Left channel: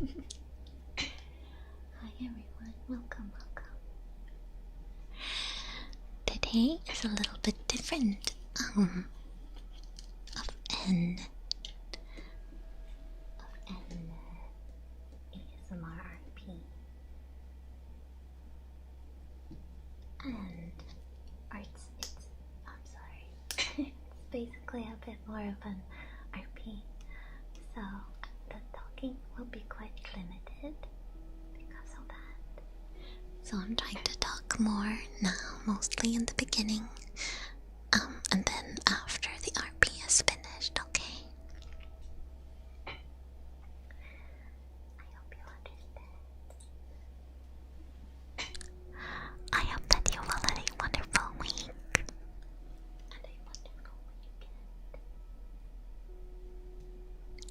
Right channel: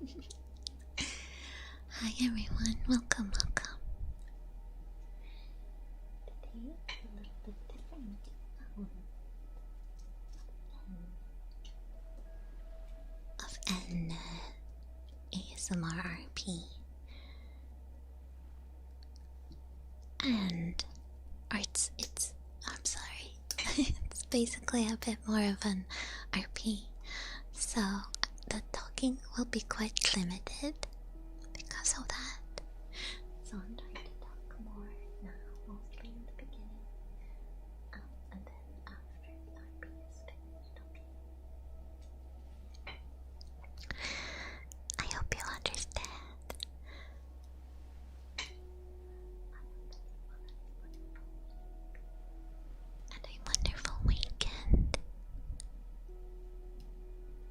Hi everyone, welcome. Today is a little bit different of an ASMR RP. And I'm sorry. It's basically a bit more of an RP. So the talking will be quite limited because of that. So I'm trying to talk more now, mostly in the beginning. And then after the RP is finished, okay? I hope you understand. I hope that you will have a wonderful week and a wonderful weekend.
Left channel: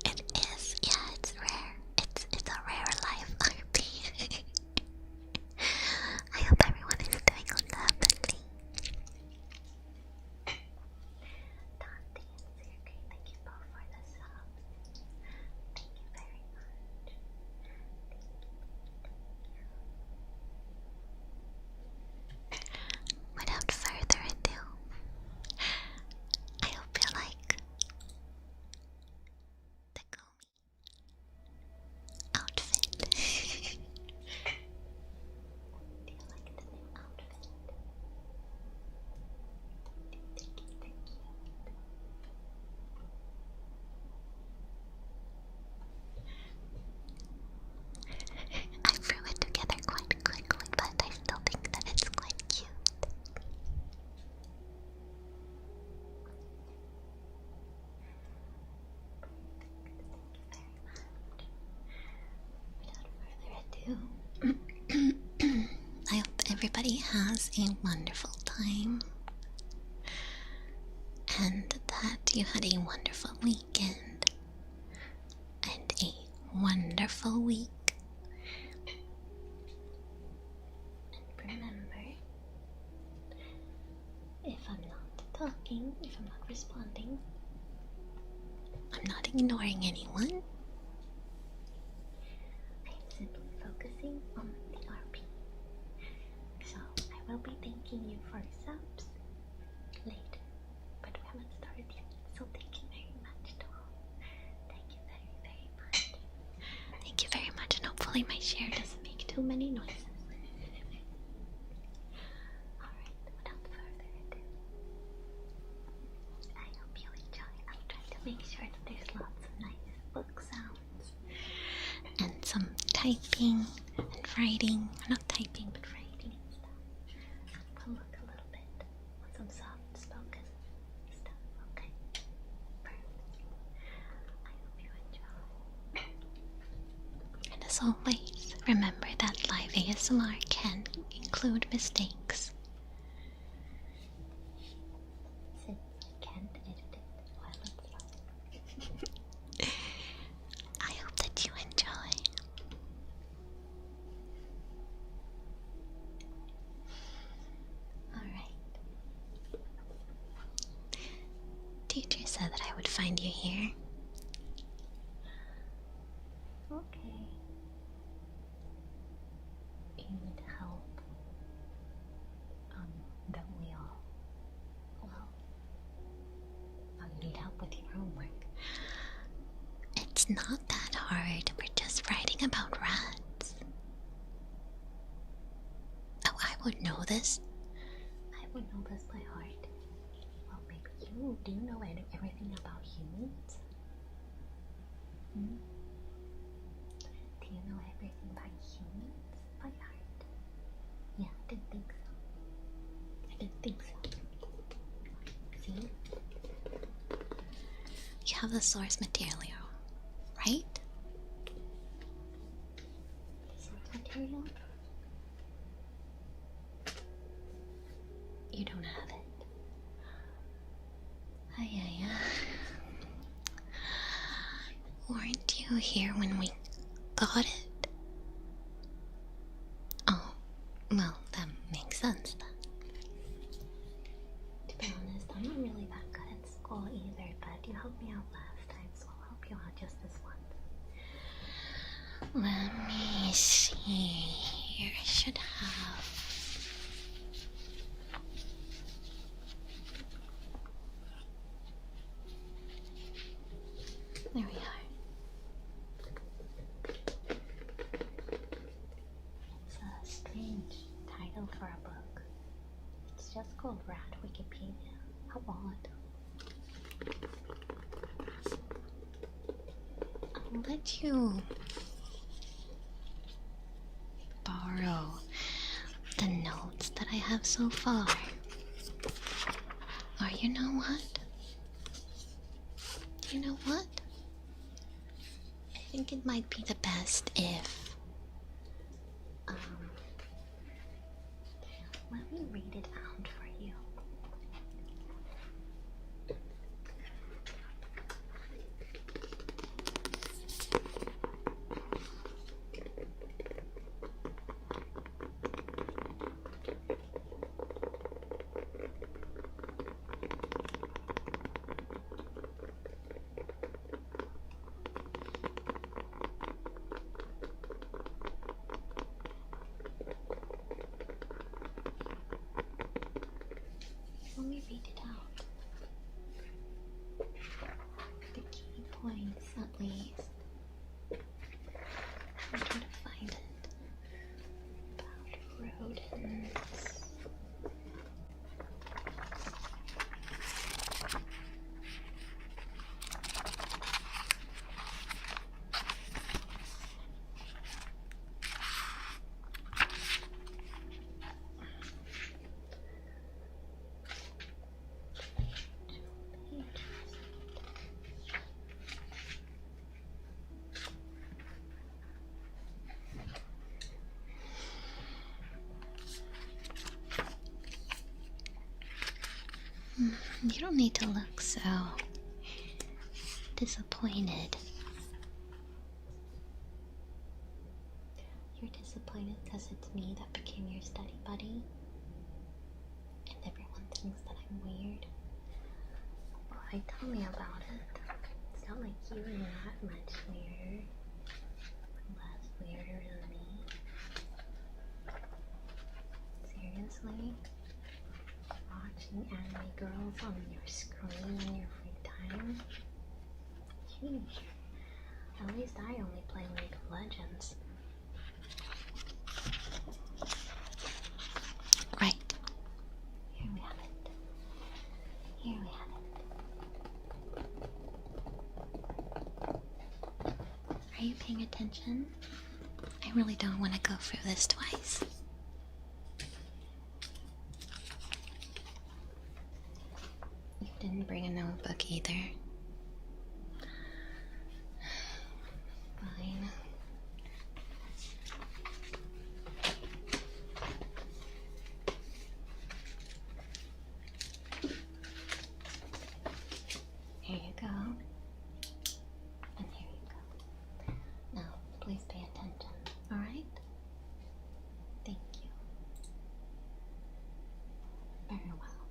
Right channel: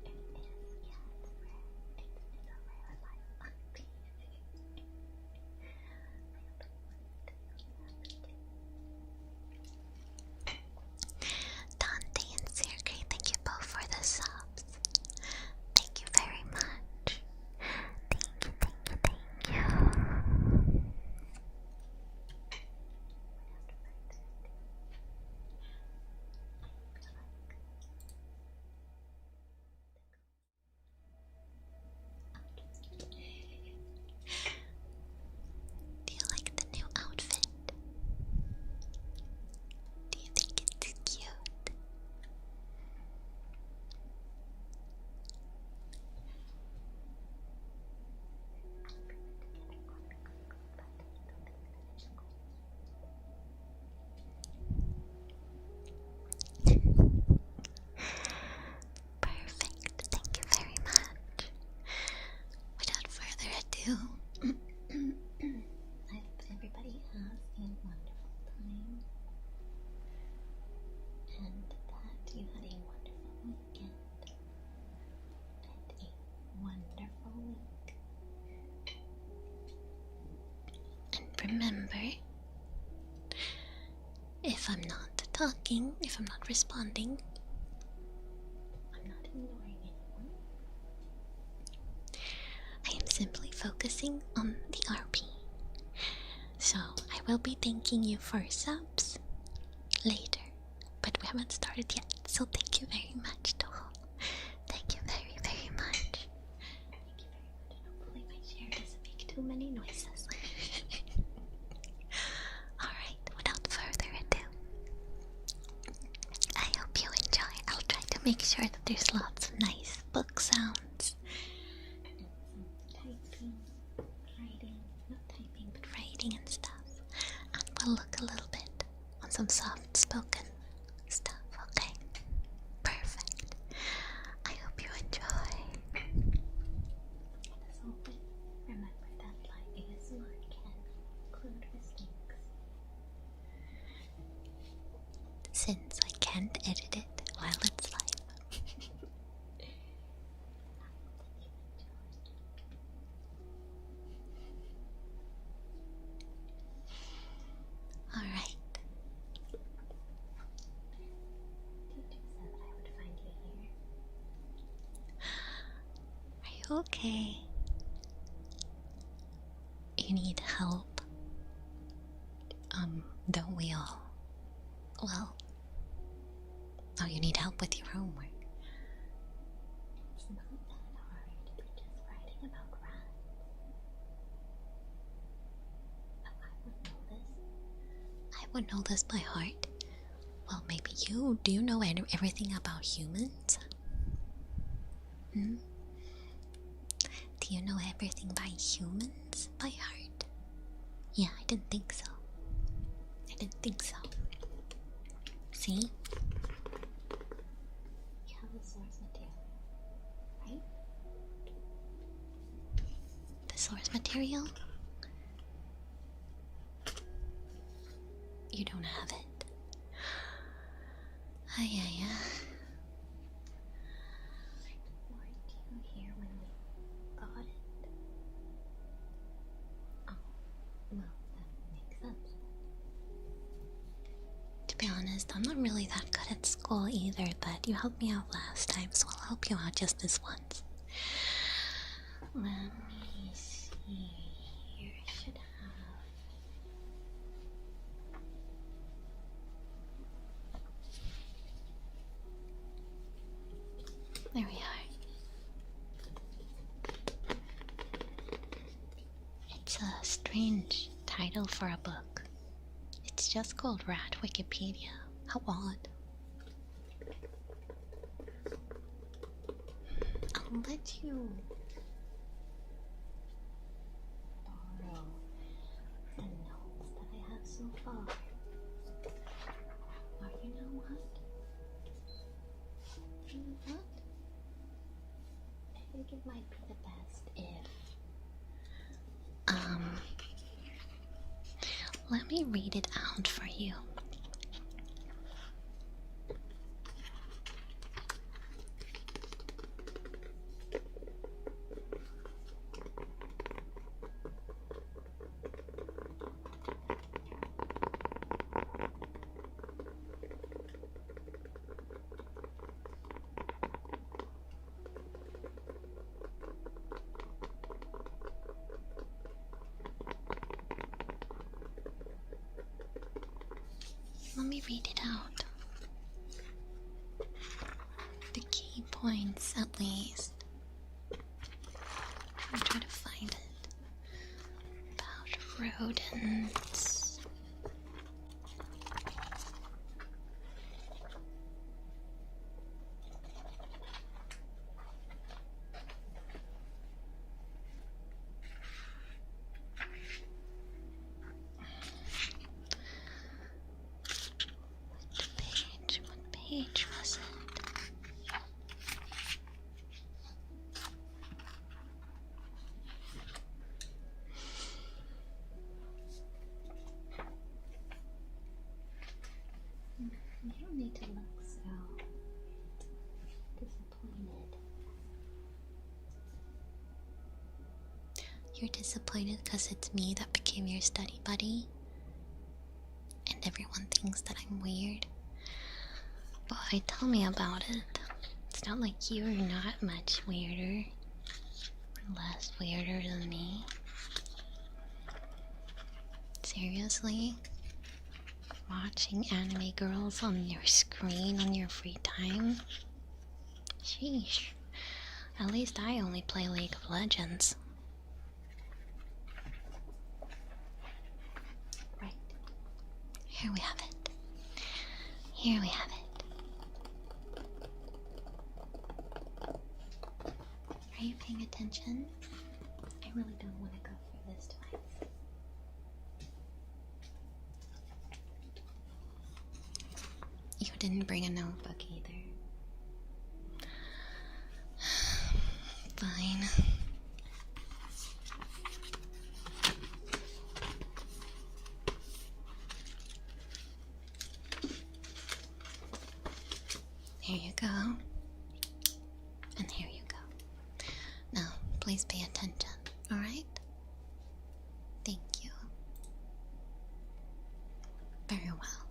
It is, yeah, it's rare. It's a rare life RP. I hope everyone is doing lovely. Dante and Sergey, thank you both for the subs. Thank you very much. Thank you. Without further ado, I hope you like the Goomi outfit. Do you like the new outfit? Do you think it's cute? I threw it together quite quickly, but I still think that it's quite cute. Perfect, thank you very much. Without further ado, I hope everybody has a wonderful time and that you had a wonderful weekend and a wonderful week. And remember, if I'm not talking, if I'm not responding, I'm not ignoring anyone. I am simply focusing on the RP. So I will be thanking you for subs later, but we haven't started yet. So thank you very much, Toho. Thank you very, very much. Thank you very much, and hopefully my share doesn't make too many noises. Alright, without further ado, I hope you enjoy. I'll try to make sure that there's lots of nice book sounds and some typing and writing. Not typing, but writing and stuff. And we'll look a little bit on some soft spoken stuff, okay? Perfect. I hope you enjoy. And as always, remember that live ASMR can include mistakes, since I can't edit it while it's live. I hope that you enjoy. Alright. Teacher said that I would find you here. Are you okay? You need help. Don't we all? Well, oh, you need help with your homework. It's not that hard. We're just writing about rats. Oh, I would know this. I would know this by heart. Well, maybe you. Do you know everything about humans? Hmm? Do you know everything by humans by heart? Yeah, I didn't think so. See? You have the source material, right? The source material? You don't have it. Ay. Weren't you here when we got it? Oh, well, that makes sense then. To be honest, I'm not really that good at school either, but you helped me out last time, so I'll help you out just this once. Let me see here. I should have. There we are. It's a strange title for a book. It's just called Rat Wikipedia. How odd. I'll let you borrow the notes that I have so far. Or you know what? You know what? I think it might be the best if let me read it out for you. Let me read it out. The key points, at least. I'll try to find it. About rodents. What page was it? You don't need to look so disappointed. You're disappointed because it's me that became your study buddy, and everyone thinks that I'm weird. Boy, tell me about it. It's not like you're not much weirder or less weirder than me. Seriously? Watching anime girls on your screen on your free time? Sheesh. At least I only play League of Legends. Right. Here we have it. Here we have it. Are you paying attention? I really don't want to go through this twice. You didn't bring a notebook either. Fine. Here you go. And here you go. Now, please pay attention, alright? Thank you. Very well.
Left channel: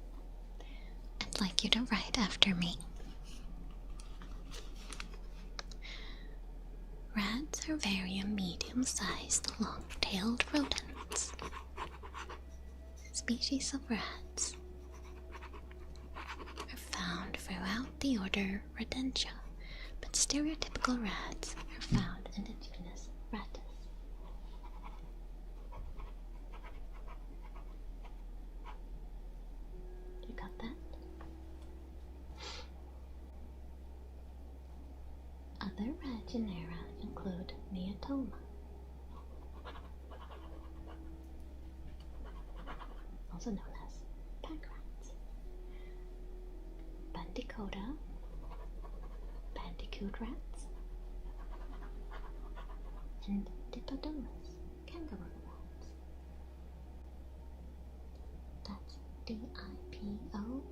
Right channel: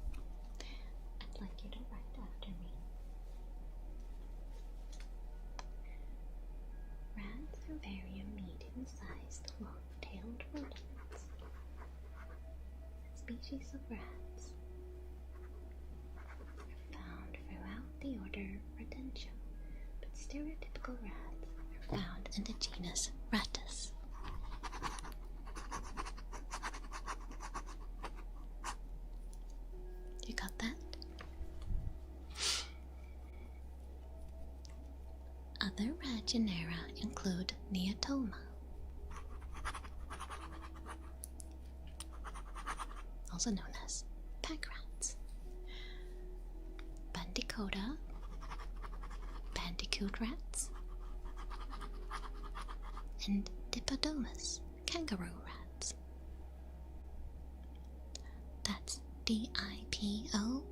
I'd like you to write after me. Rats are very medium-sized, long-tailed rodents. Species of rats are found throughout the order Rodentia, but stereotypical rats are found in the genus Rattus. You got that? Other rat genera include Neotoma, also known as pack rats, Bandicoota, bandicoot rats, and Dipodomus, kangaroo rats. That's D-I-P-O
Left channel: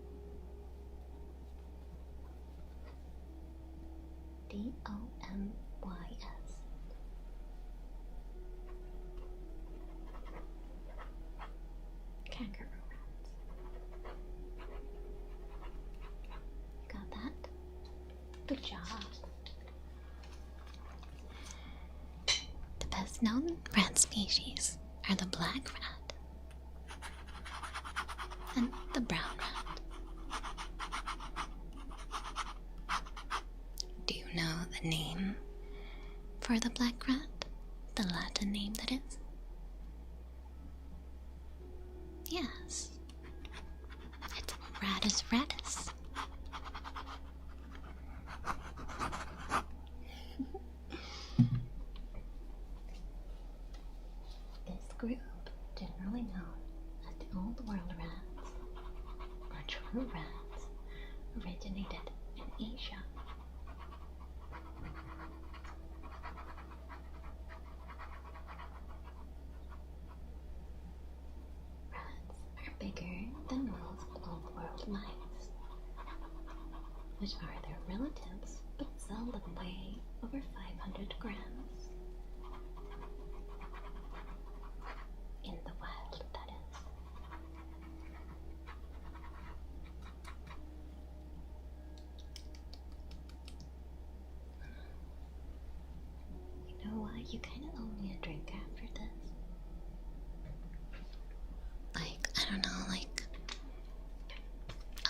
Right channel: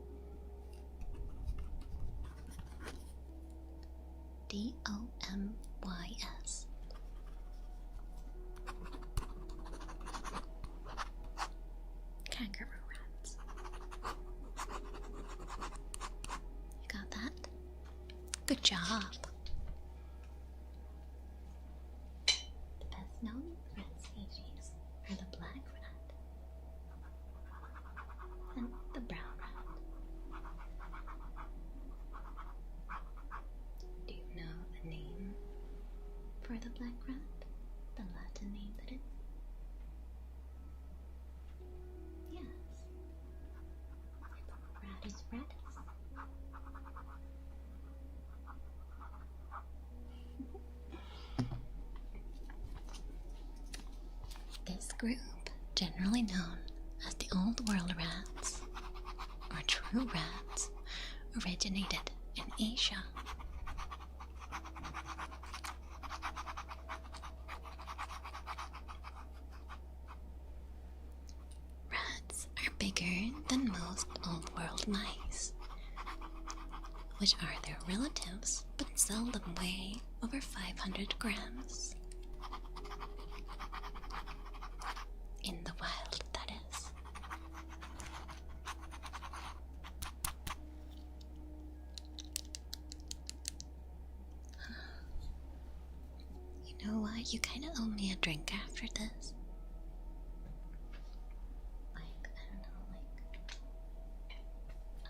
D-O-M-Y-S. Kangaroo rats. You got that? Good job. most known rat species are the black rat and the brown rat. Do you know the name for the black rat? The Latin name, that is? Yes. It's Rattus rattus. This group, generally known as the Old World rats, or true rats, originated in Asia. Rats are bigger than most Old World mice, which are their relatives but seldom weigh over 500 grams. In the wild, that is. You know what? You kind of owe me a drink after this. Like, I don't know, like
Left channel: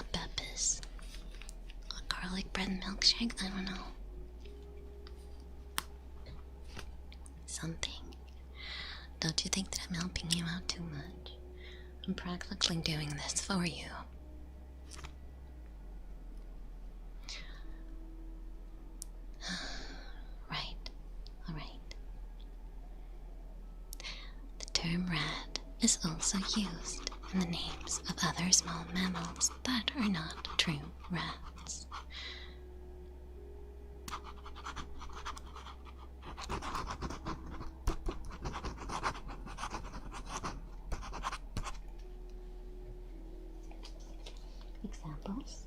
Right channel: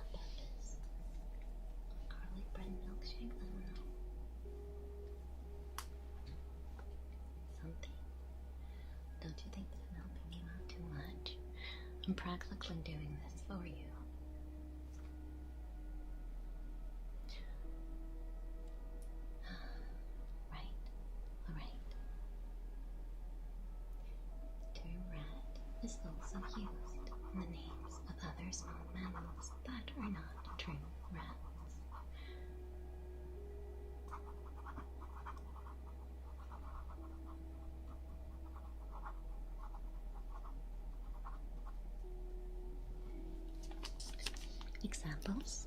a Peppis, a garlic bread milkshake, I don't know. Something. Don't you think that I'm helping you out too much? I'm practically doing this for you. Right, alright. The term rat is also used in the names of other small mammals that are not true rats. Examples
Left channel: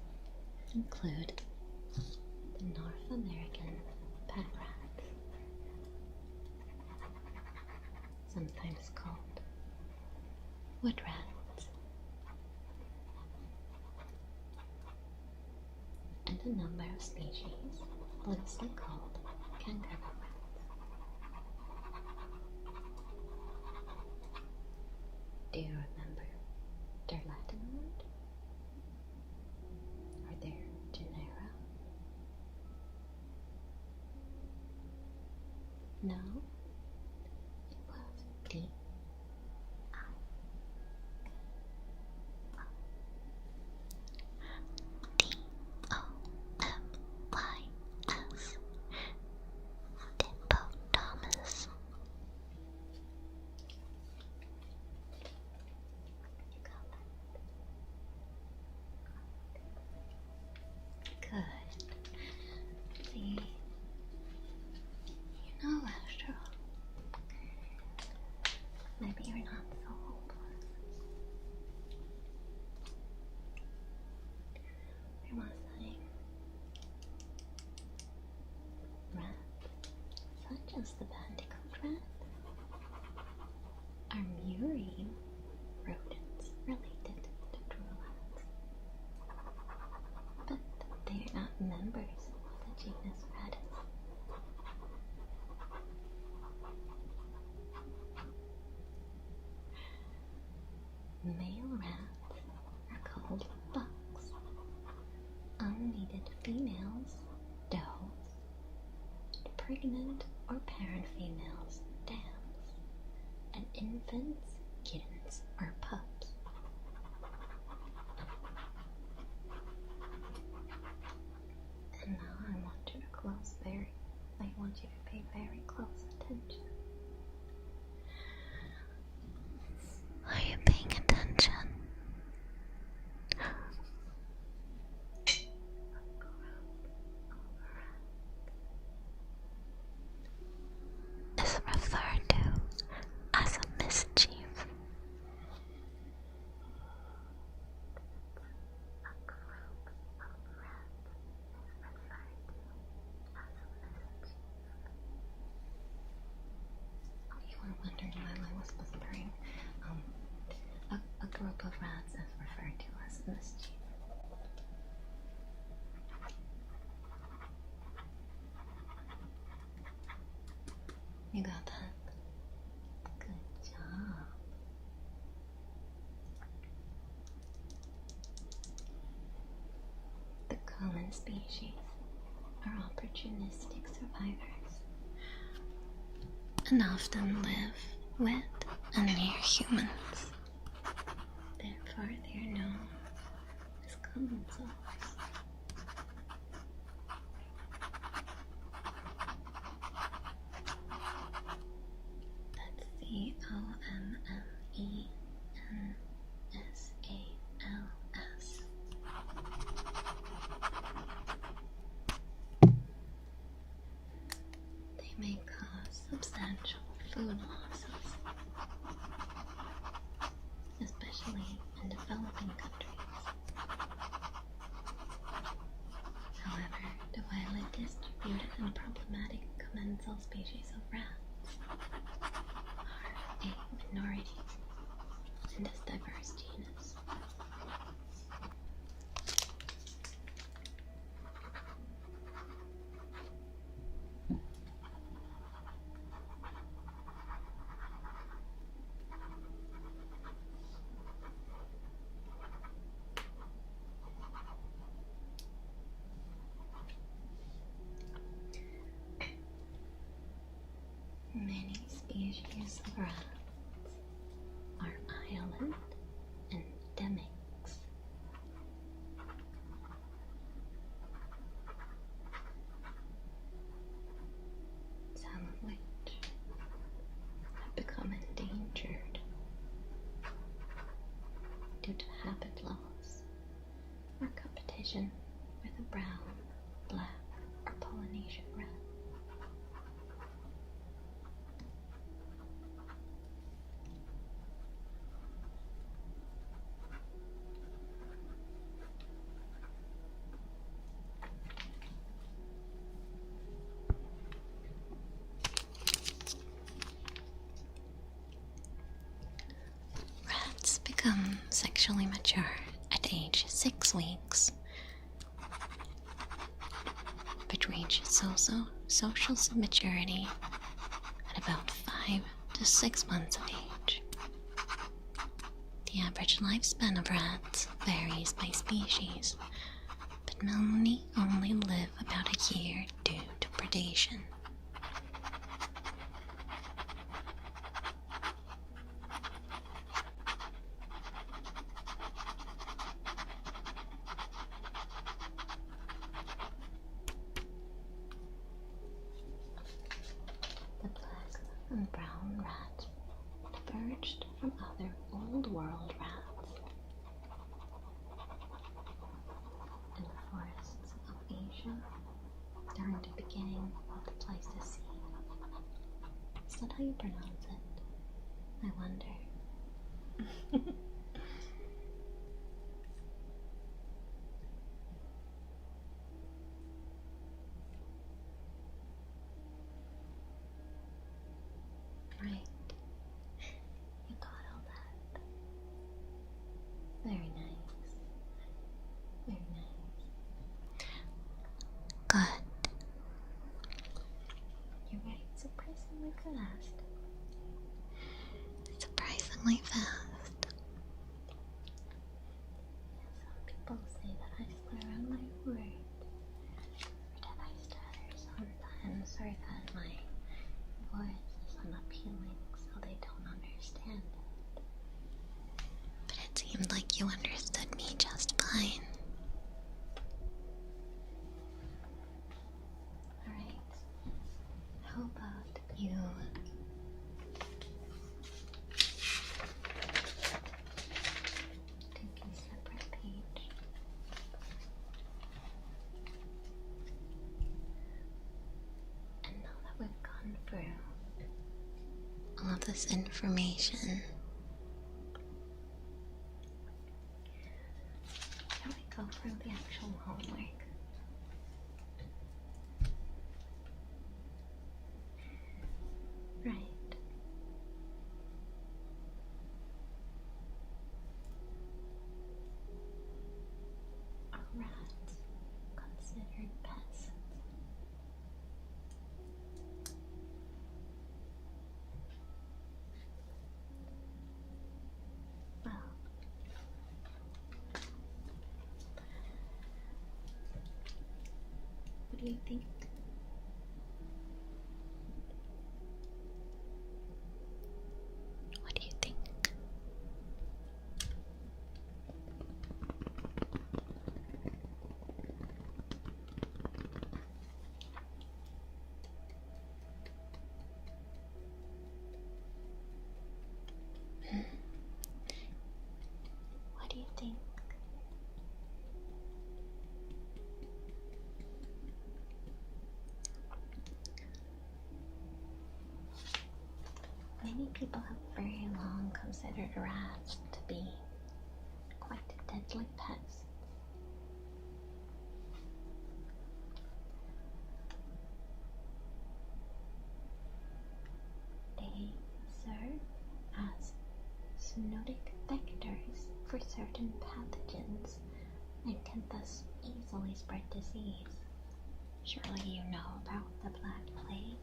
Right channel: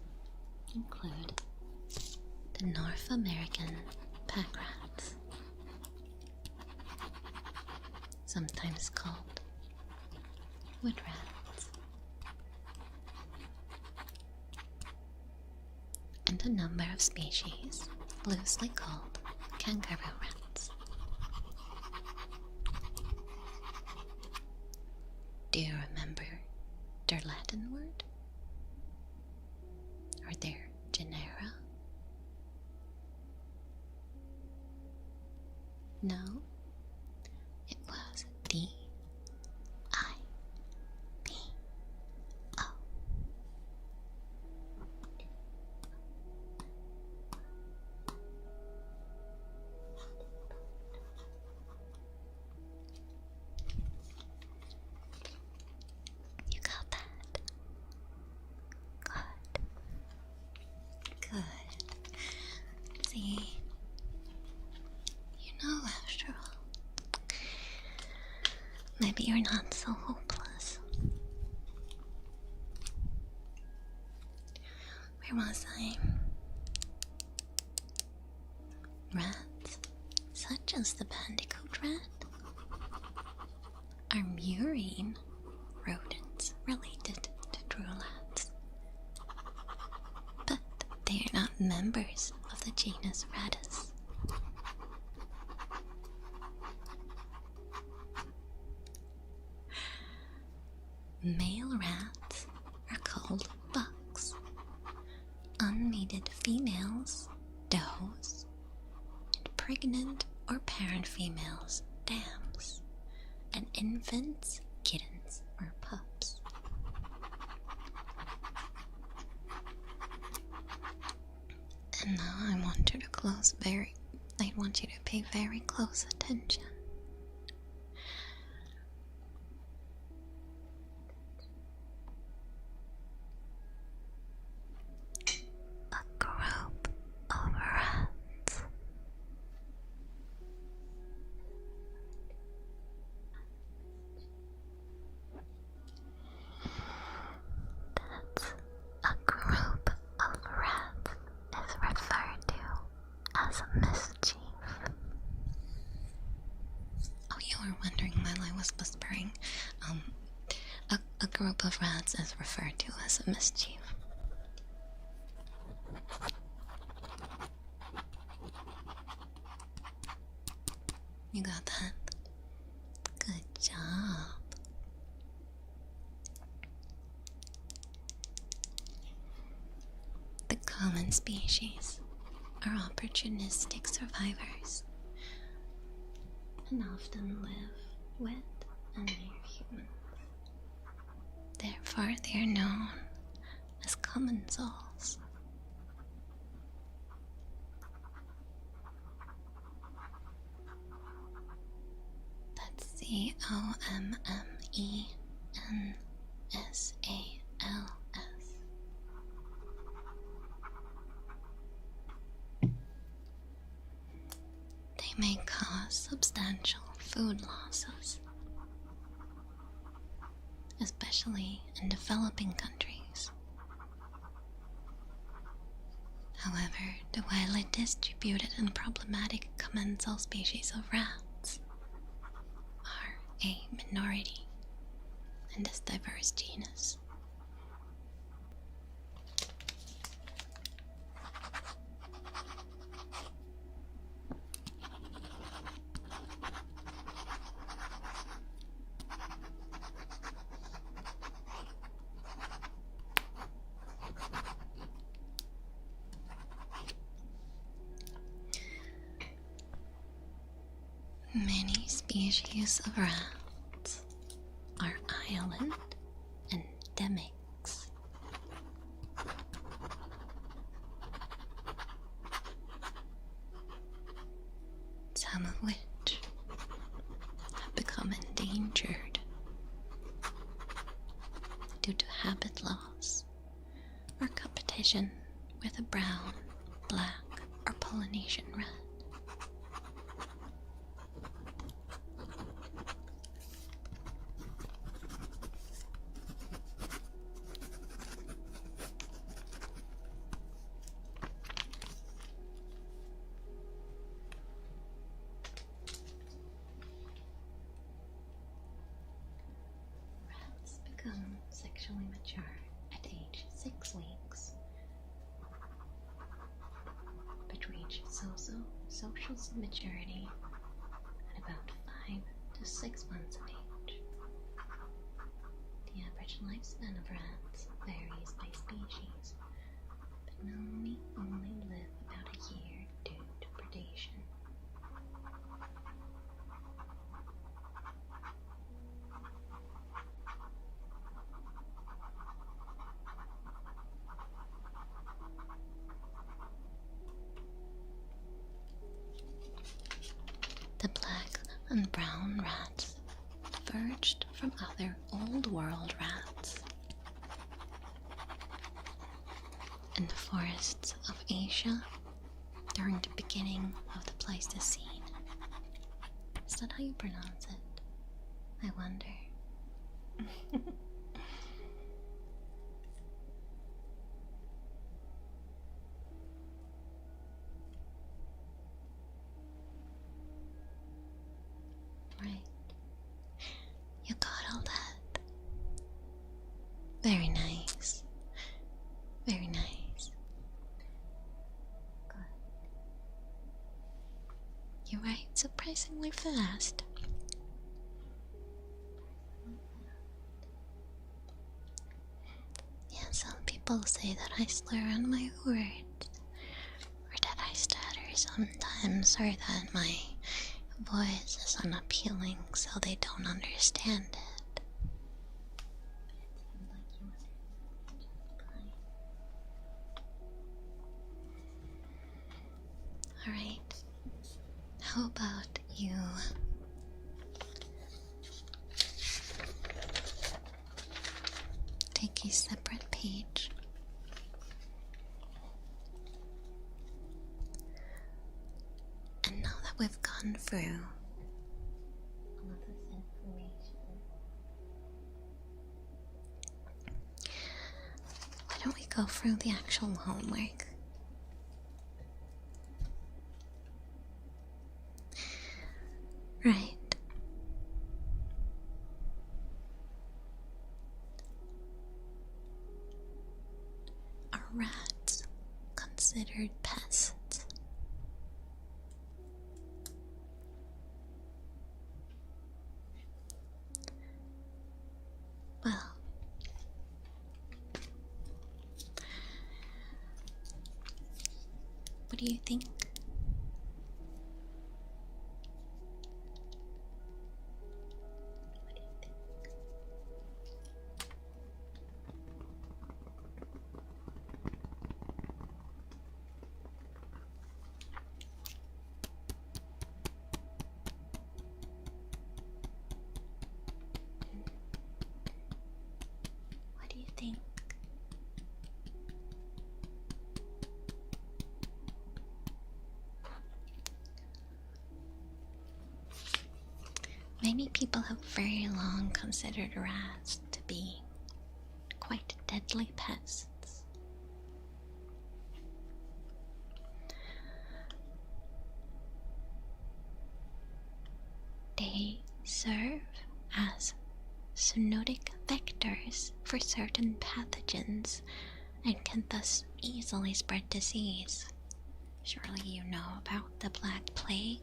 include the North American pack rats, sometimes called wood rats, and a number of species loosely called kangaroo rats. Do you remember their Latin word? Or their genera? No, it was D-I-P-O. D-O-M-Y-S. Dippopotamus. You got that? Good. Good. See? You know, after all, maybe you're not so hopeless. Where was I? Rats, such as the bandicoot rat, are murine rodents related to true rats. But they are not members of the genus Rattus. Male rats are called bucks. Unmated females, does, and pregnant or parent females, dams, and infants, kittens, or pups. And now I want you to pay very close attention. Are you paying attention? A group of rats is referred to as a mischief. That's a group of rats is referred to as a mischief. Oh, you were wondering while I was whispering. A group of rats is referred to as a mischief. You got that? species are opportunistic survivors and often live with and near humans. Therefore, they are known as common souls. That's COMMENSALS. They may cause substantial food losses, especially in developing countries. However, the widely distributed and problematic commensal species of rats are a minority in this diverse genus. Many species of rats are island endemics. Some of which have become endangered due to habit loss or competition with a brown, black, or Polynesian rat. Rats become sexually mature at age 6 weeks, but reach social maturity at about 5 to 6 months of age. The average lifespan of rats varies by species, but many only live about a year due to predation. The black and brown rats diverged from other Old World rats in the forests of Asia during the beginning of the Pleistocene. Is that how you pronounce it? I wonder. Right. You got all that. Very nice. Very nice. Good. You write surprisingly fast. Surprisingly fast. Yeah, some people say that I slur on my words, or that I stutter sometimes, or that my voice is unappealing so they don't understand it. But it seemed like you understood me just fine. Alright, how about you take a separate page and now that we've gone through all of this information, why don't we go through the actual homework? Right. Are rats considered pests? Well, What do you think? What do you think? What do you think? Many people have very long considered rats to be quite deadly pests. They serve as zoonotic vectors for certain pathogens and can thus easily spread disease. Surely you know about the Black Plague.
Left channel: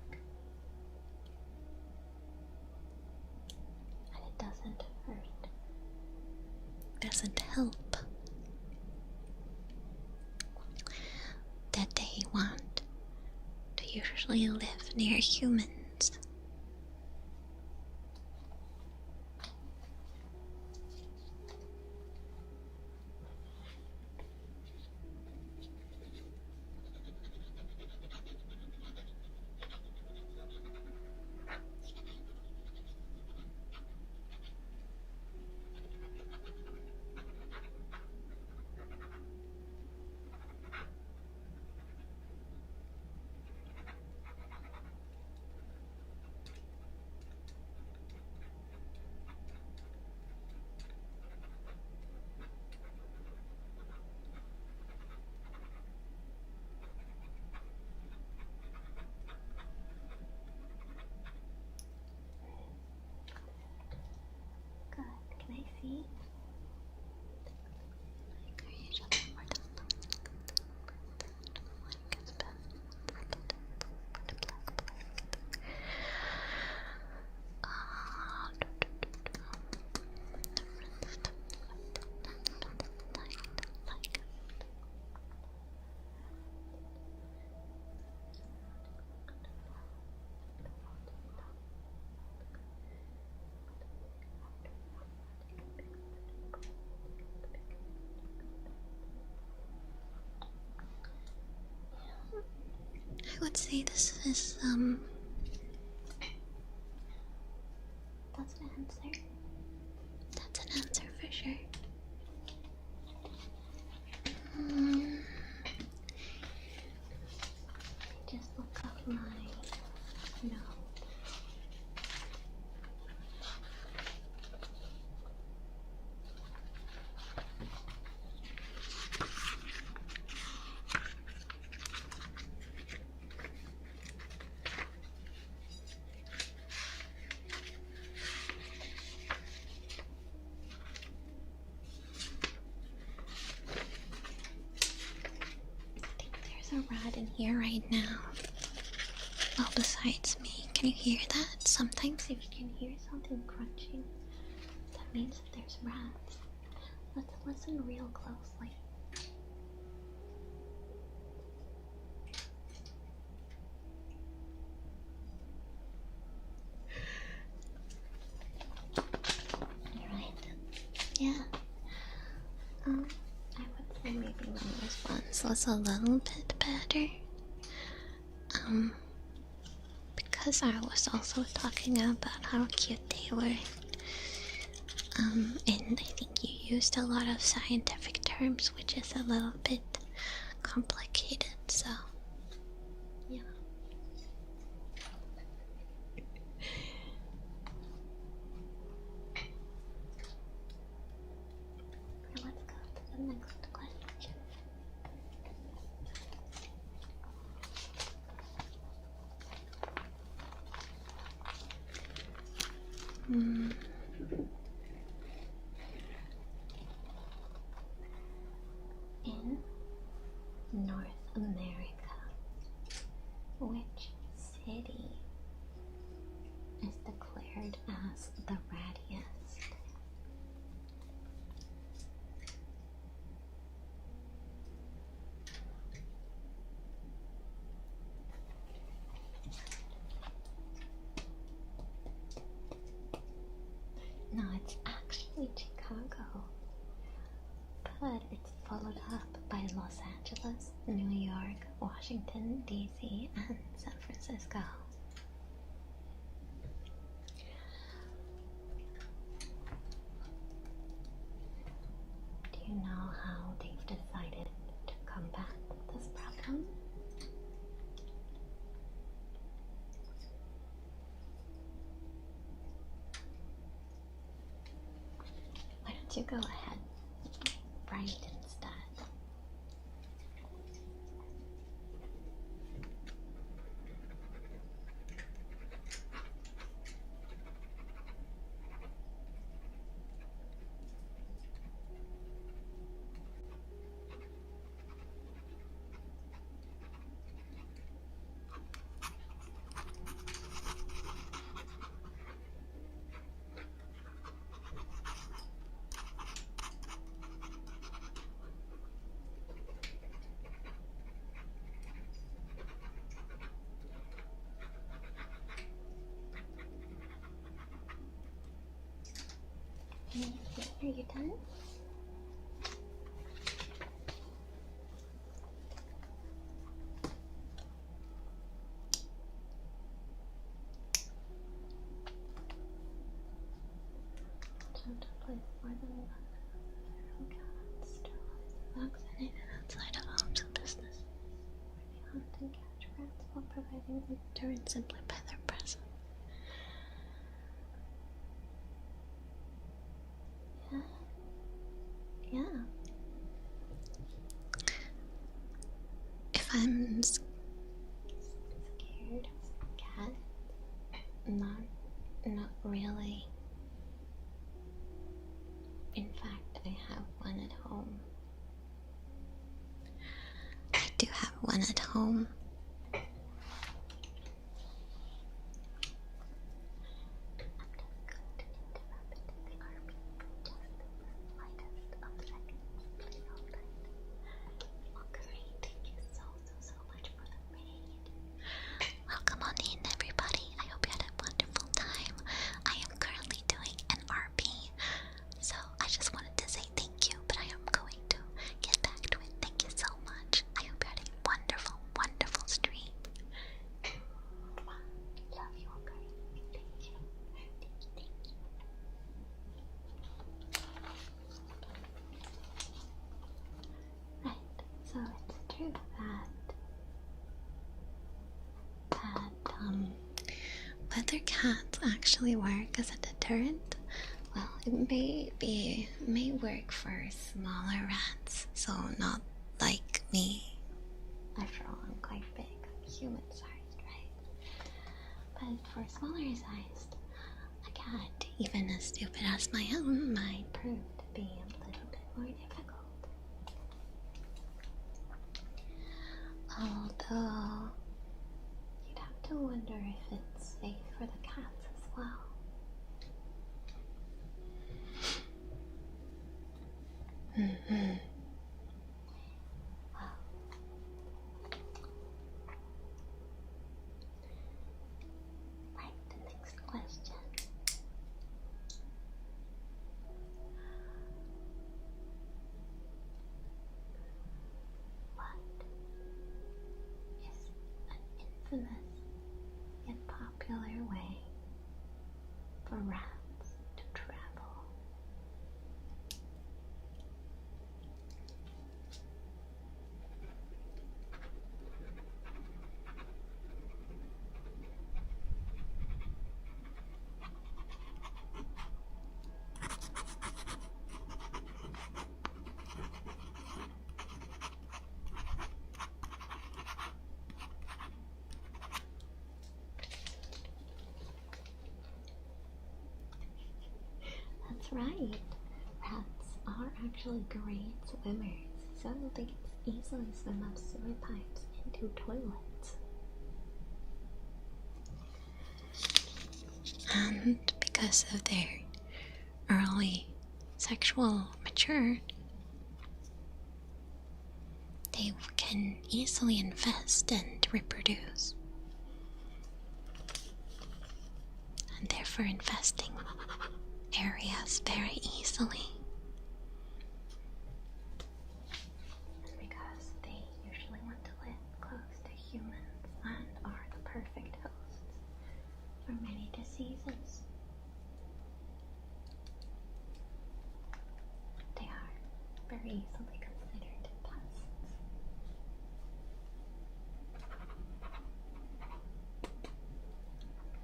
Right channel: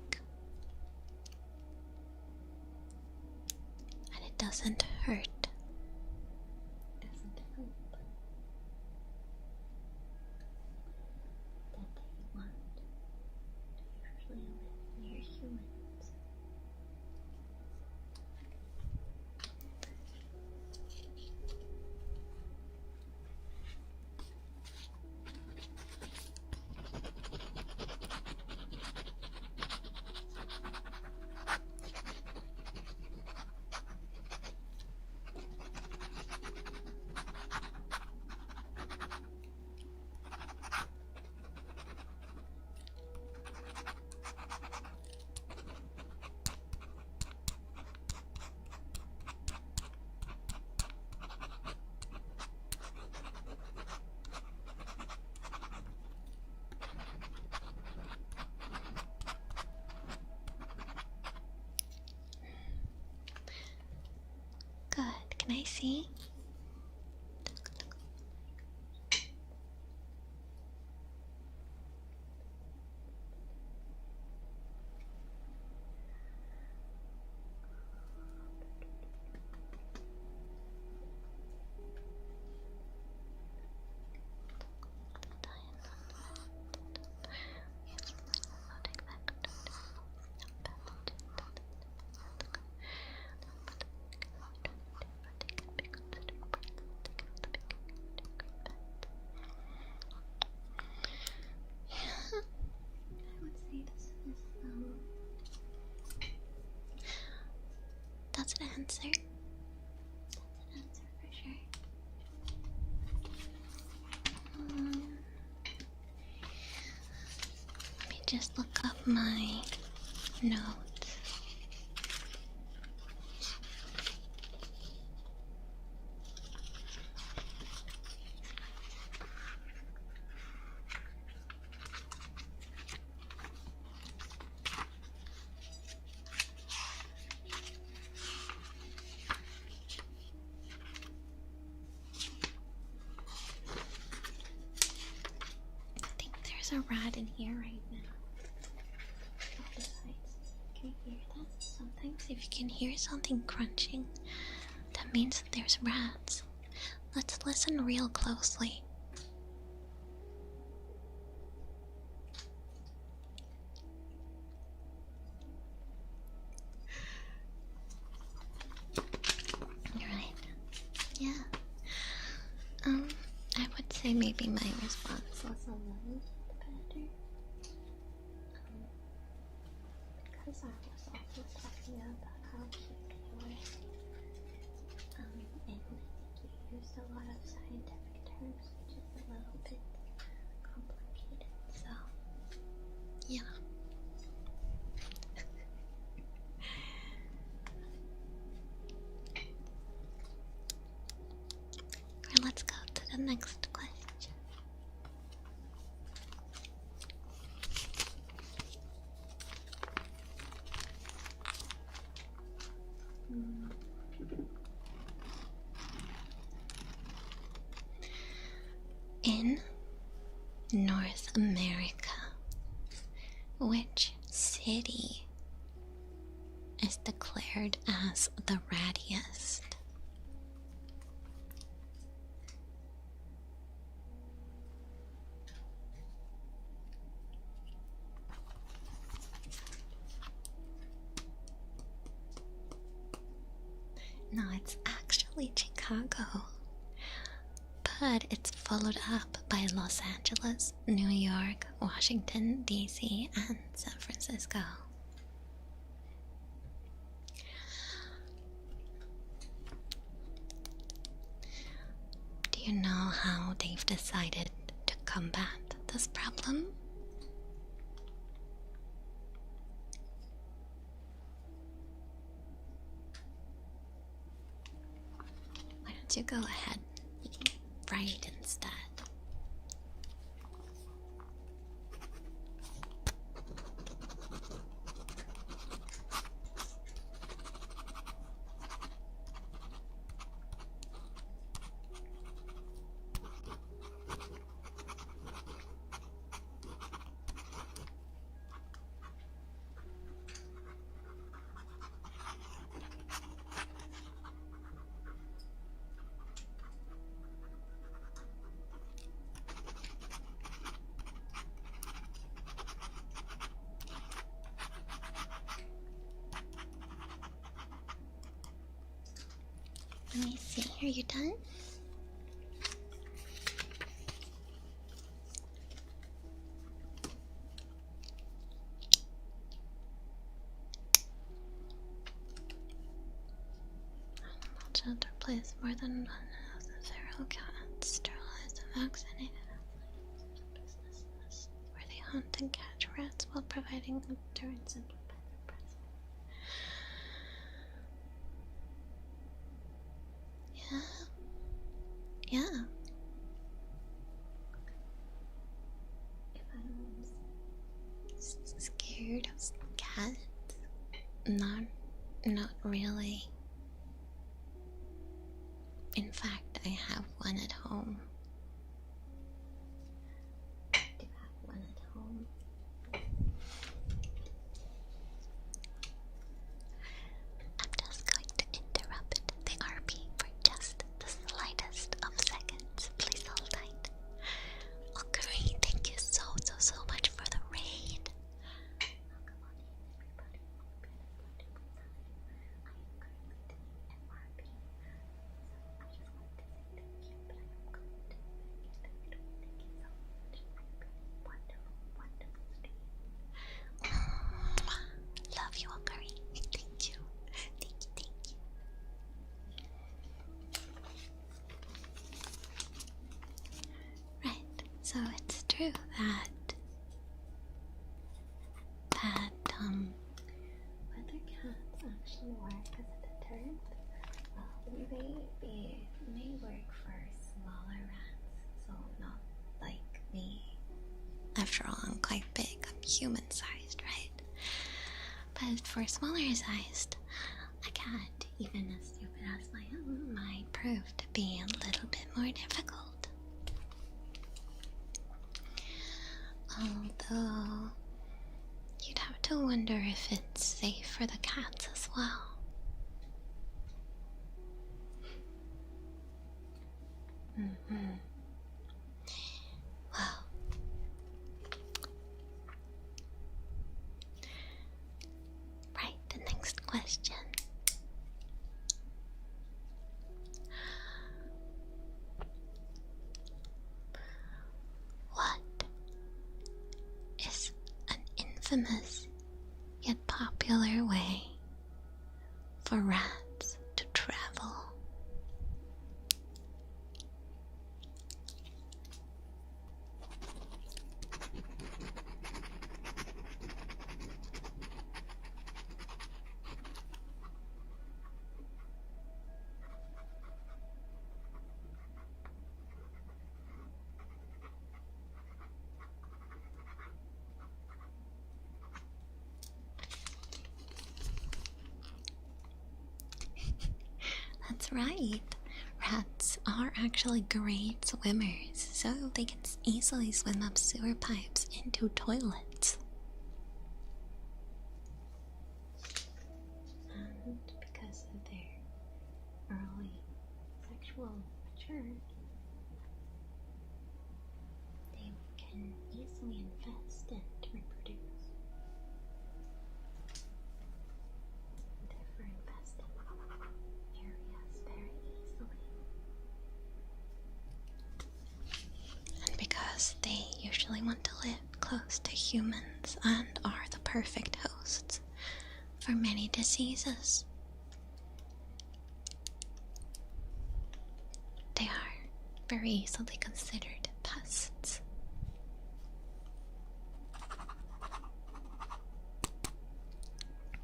And it doesn't hurt, doesn't help, that they want to usually live near humans. Good. Can I see? I would say this is, that's an answer. That's an answer for sure. Let me just look up my notes. There's a rat in here right now. Well, besides me, can you hear that? Sometimes if you can hear something crunching, that means that there's rats. Let's listen real closely. You're right. Yeah. I would say maybe my response was a little bit better. Because I was also talking about how cute they were. And I think you used a lot of scientific terms, which is a little bit complicated, so yeah. Okay, let's go to the next question. In North America, which city is declared as the rattiest? No, it's actually Chicago. But it's followed up by Los Angeles, New York, Washington, D.C., and San Francisco. Do you know how they've decided to combat this problem? Why don't you go ahead and write instead? Let me see, are you done? Shelter place more than 1,000 cats, sterilized and vaccinated outside of homes and businesses, where they hunt and catch rats while providing deterrent simply by their presence. Yeah. If I'm scared of cats, not really. In fact, I have one at home. I do have one at home. I'm just going to interrupt the RP for just the slightest of seconds. Please hold tight. Okay, thank you so much for the raid. Welcome on in, everybody. I hope you had a wonderful time. I am currently doing an RP, so I just wanted to say thank you, but I am going to get back to it. Thank you so much. I hope you had a wonderful, wonderful stream. Love you, Akari. Thank you. Thank you. Right, so it's true that whether cats actually work as a deterrent, well, it may work for smaller rats, so not like me. After all, I'm quite big, I'm human-sized, right? But for smaller sized, a cat, even as stupid as my own, might prove to be a little bit more difficult. Although, you'd have to wonder if it's safe for the cats as well. Well, right, the next question. What is an infamous yet popular way for rats to travel? That's right. Rats are actually great swimmers, so they can easily swim up sewer pipes into toilets. And because of their early sexual maturity, they can easily infest and reproduce. And therefore infesting areas very easily. And because they usually want to live close to humans and are the perfect hosts for many diseases, they are very easily considered pests.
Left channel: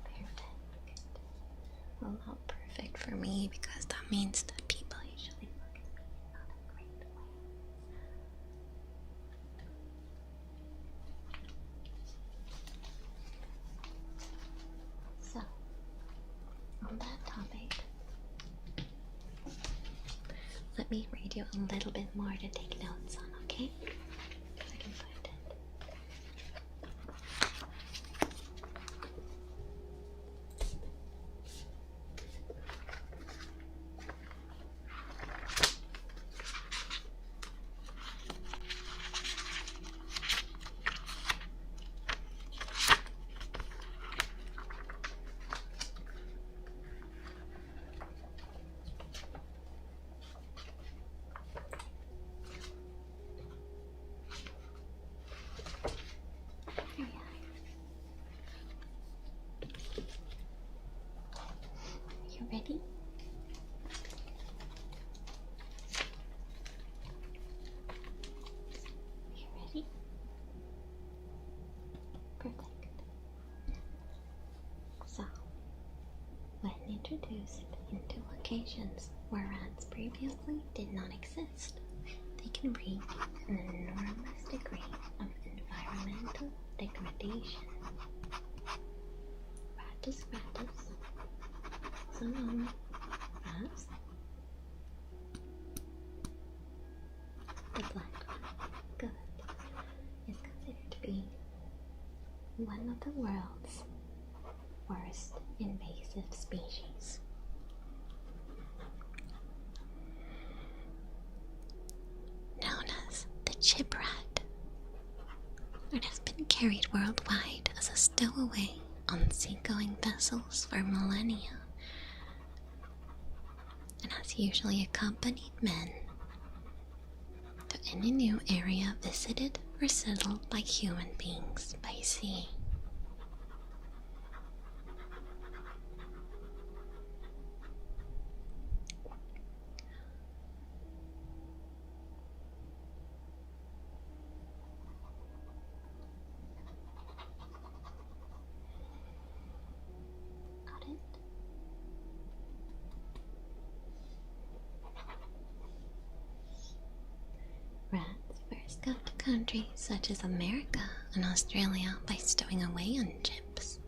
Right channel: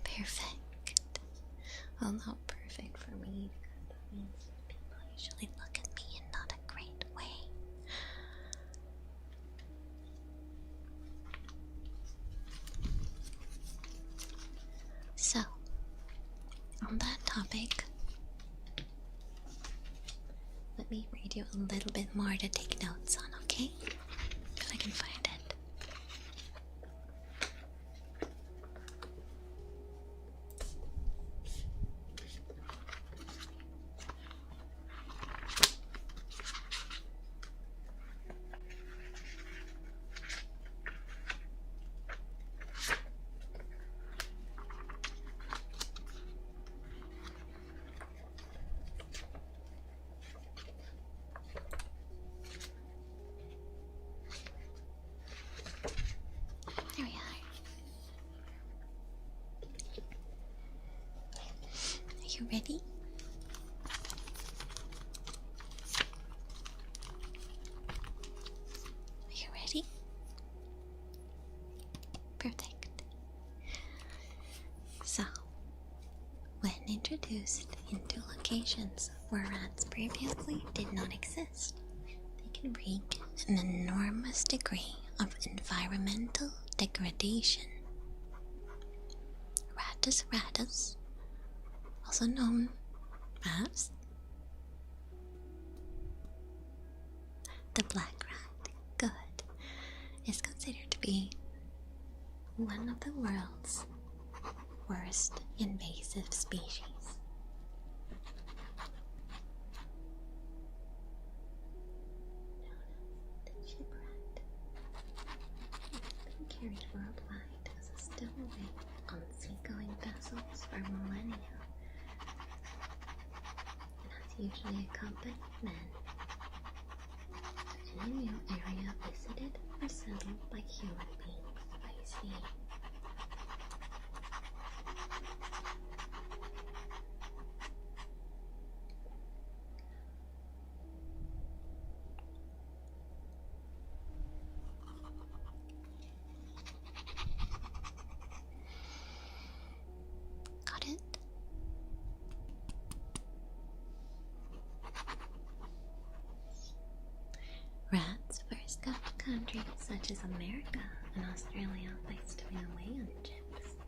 Perfect. Well, not perfect for me because that means that people usually look at me in not a great way. So, on that topic, let me read you a little bit more to take notes on, okay? If I can find it. There we are. Are you ready? Are you ready? Perfect. So, when introduced into locations where rats previously did not exist, they can wreak an enormous degree of environmental degradation. Rattus rattus, also known as the black rat, good, is considered to be one of the world's worst invasive species. Known as the chip rat, it has been carried worldwide as a stowaway on seagoing vessels for millennia, and has usually accompanied men to any new area visited or settled by human beings by sea. Got it? Rats first got to countries such as America and Australia by stowing away on ships.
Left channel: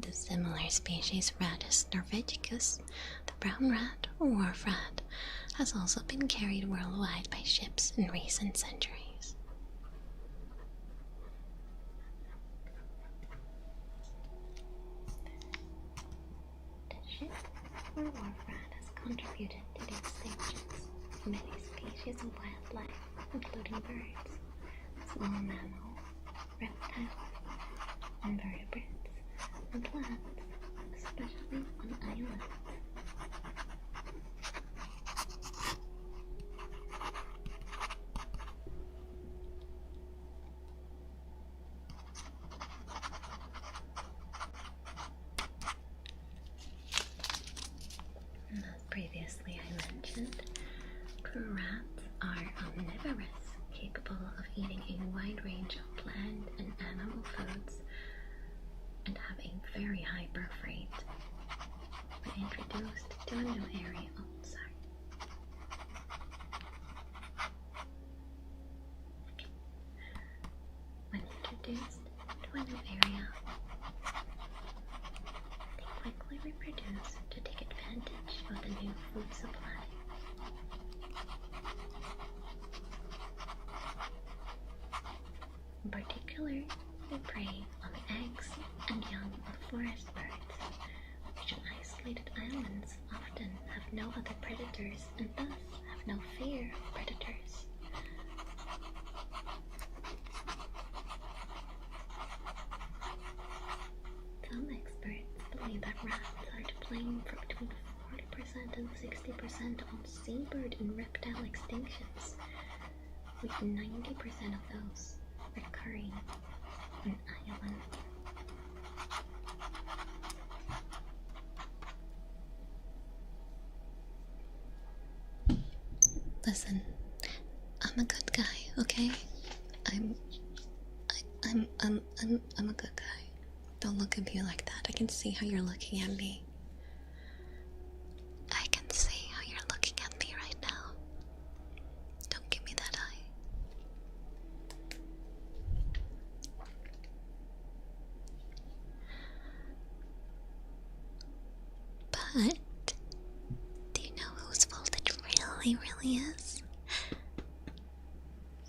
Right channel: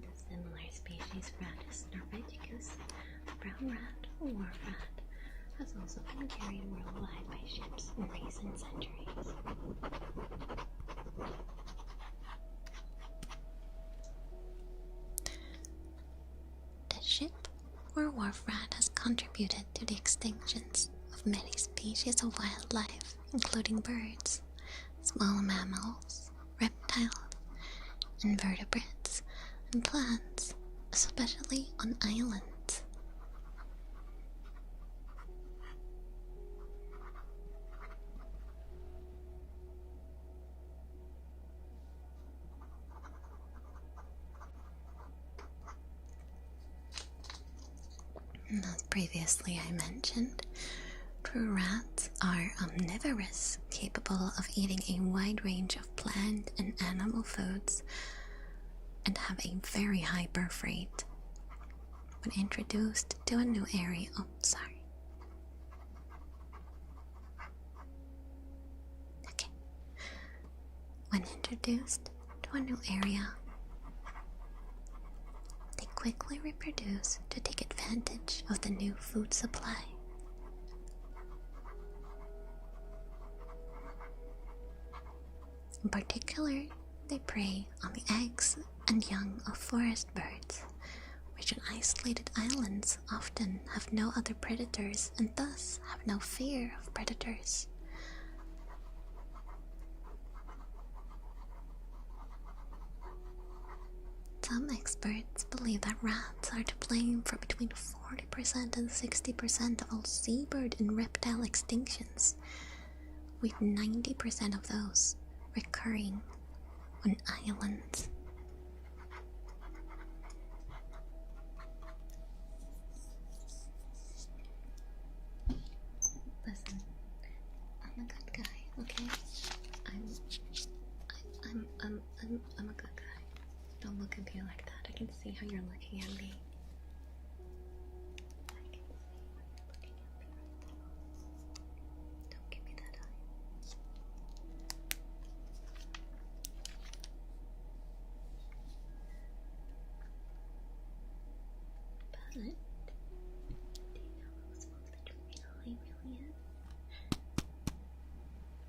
The similar species Rattus norvegicus, the brown rat or wharf rat, has also been carried worldwide by ships in recent centuries. The ship or wharf rat has contributed to the extinctions of many species of wildlife, including birds, small mammals, reptiles, invertebrates, and plants, especially on islands. And as previously I mentioned, true rats are omnivorous, capable of eating a wide range of plant and animal foods, and have a very high birth rate. When introduced to a new area, When introduced to a new area, they quickly reproduce to take advantage of the new food supply. In particular, they prey on the eggs and young of forest birds, which on isolated islands often have no other predators and thus have no fear of predators. Some experts believe that rats are to blame for between 40% and 60% of all seabird and reptile extinctions, with 90% of those recurring on islands. Listen, I'm a good guy, okay? I'm a good guy. Don't look at me like that. I can see how you're looking at me. I can see how you're looking at me right now. Don't give me that eye. But do you know whose fault it really is?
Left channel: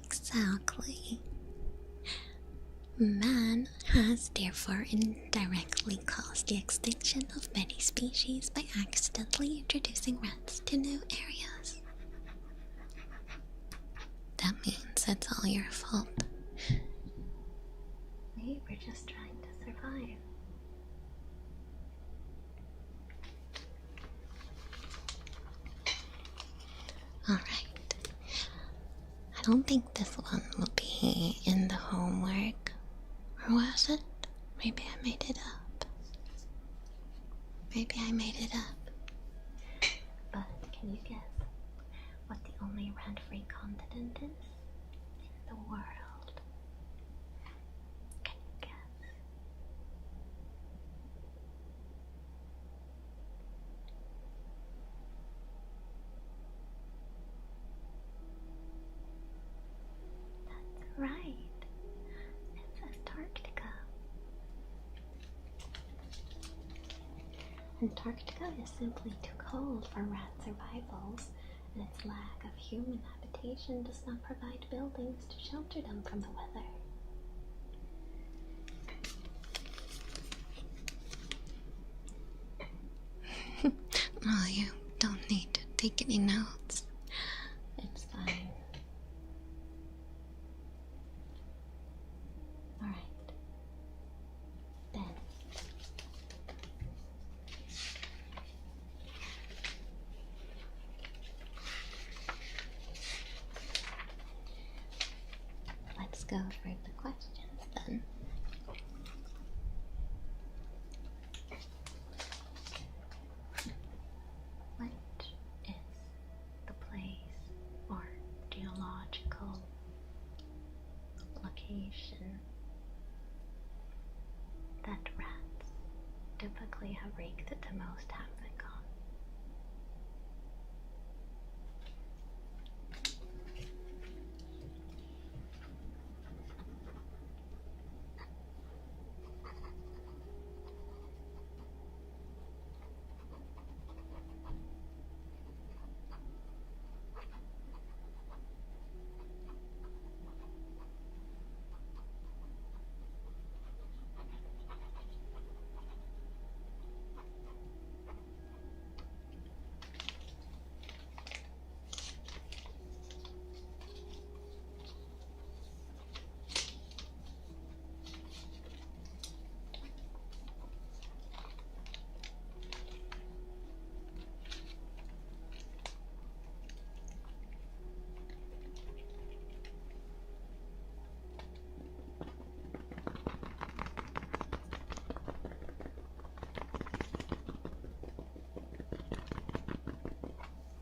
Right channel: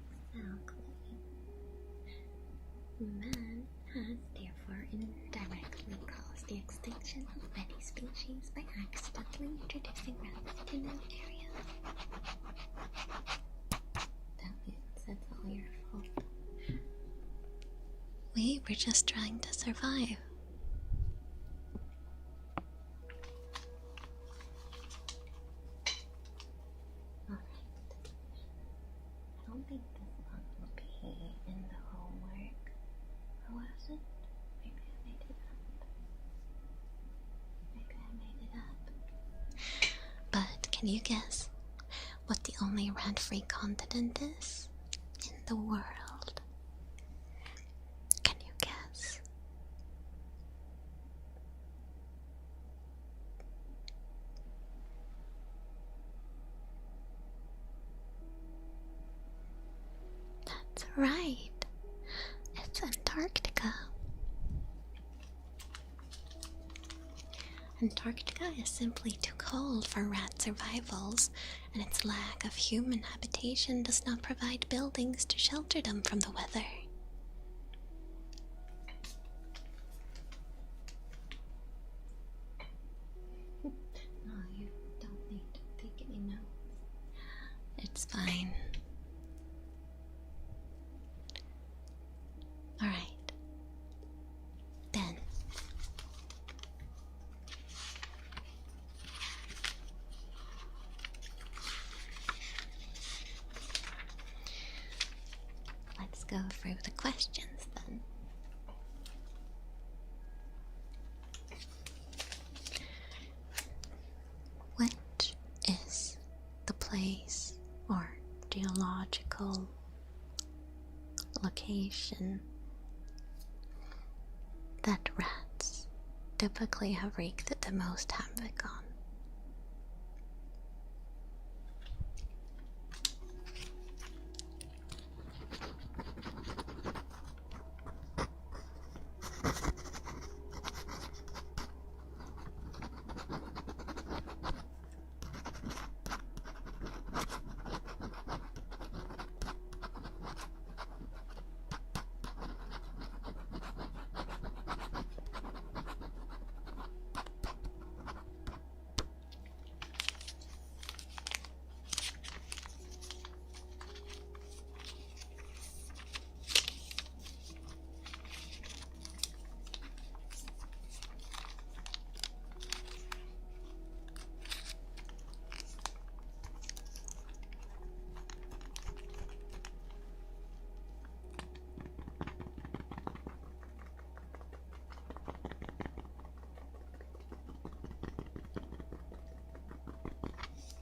Exactly. Man has therefore indirectly caused the extinction of many species by accidentally introducing rats to new areas. That means it's all your fault. We were just trying to survive. Alright. I don't think this one will be in the homework. Or was it? Maybe I made it up. Maybe I made it up. But can you guess what the only rat-free continent is in the world? Can you guess? That's right. It's Antarctica. Antarctica is simply too cold for rat survivals, and its lack of human habitation does not provide buildings to shelter them from the weather. Oh, you don't need to take any notes. It's fine. Alright. Then. Let's go through the questions then. Which is the place or geological location that rats typically have wreaked the most havoc on?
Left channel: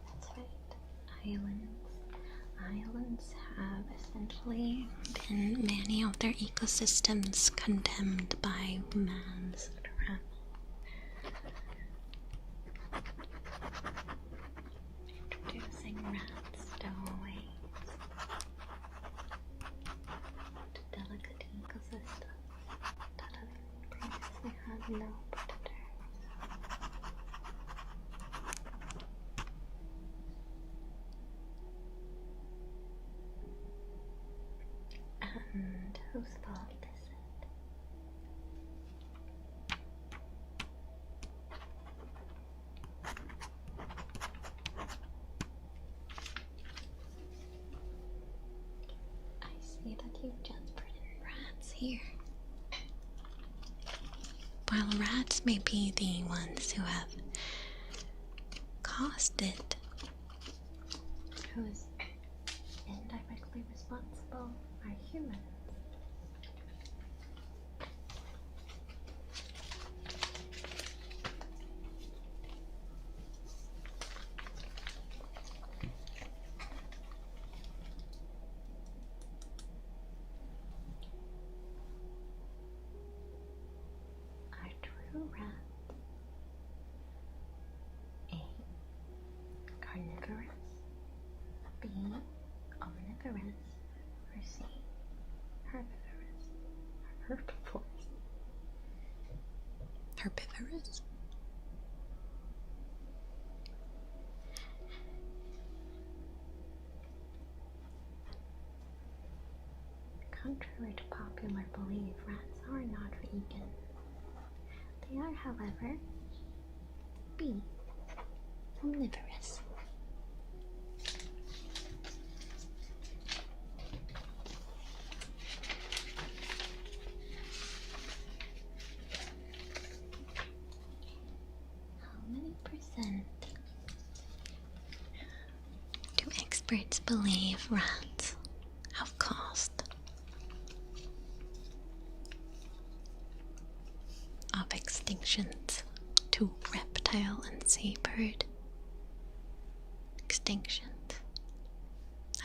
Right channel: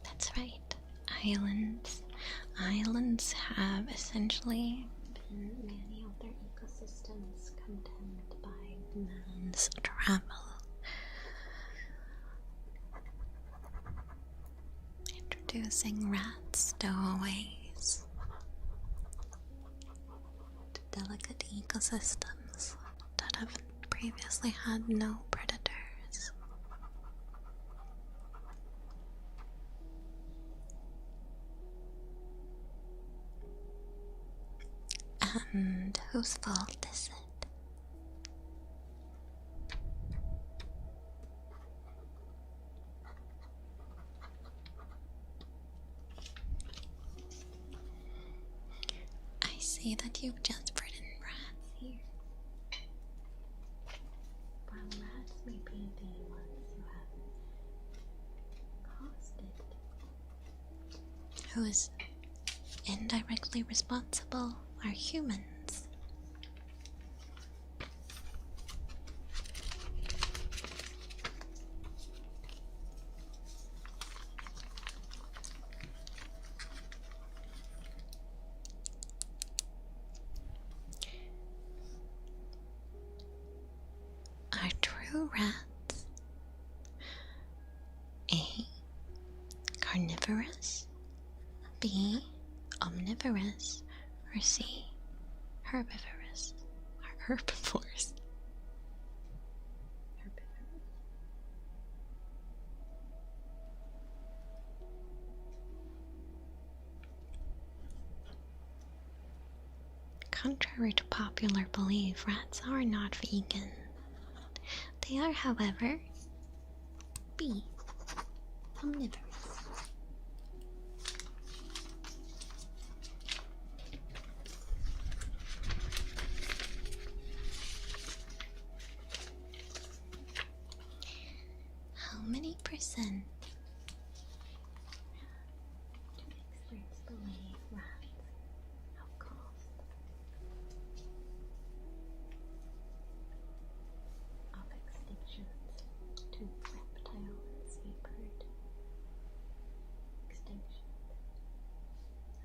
That's right, islands. Islands have essentially been many of their ecosystems condemned by man's travel. Introducing rat stowaways to delicate ecosystems that have previously had no predators. And whose fault is it? I see that you've just written rats here. while rats may be the ones who have caused it, who's indirectly responsible are humans. Are true rats A. carnivorous, B. omnivorous, or C. herbivorous? Or herbivores? Herbivorous? Contrary to popular belief, rats are not vegan. They are, however, B. omnivorous. How many percent do experts believe rats have caused of extinctions to reptile and seabird extinctions?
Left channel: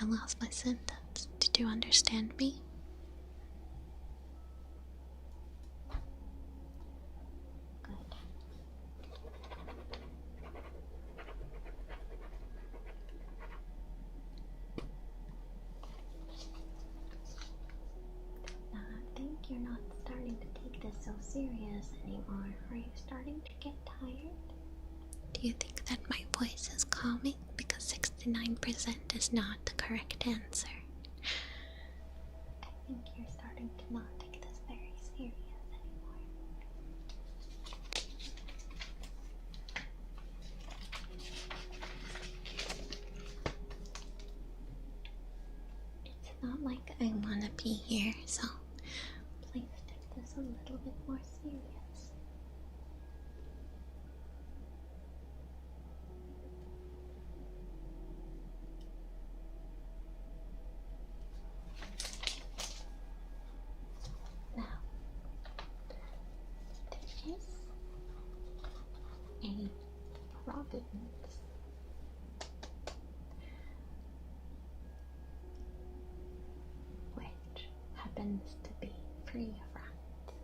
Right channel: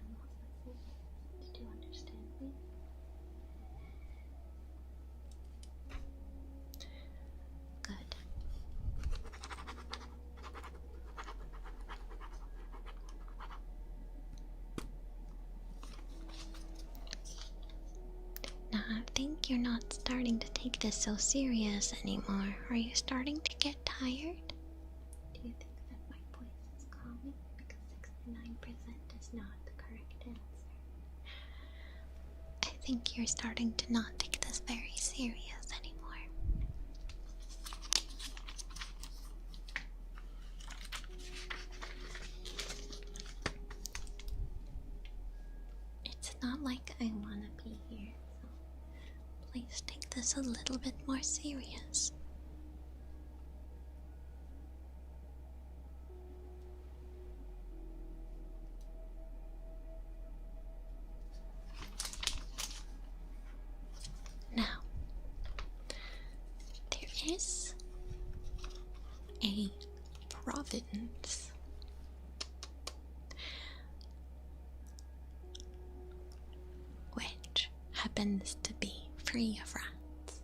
I lost my sentence. Did you understand me? Good. Now I think you're not starting to take this so serious anymore. Are you starting to get tired? Do you think that my voice is calming? Because 69% is not the correct answer. I think you're starting to not take this very serious anymore. It's not like I want to be here, so please take this a little bit more serious. Now, there is a province which happens to be free of rats.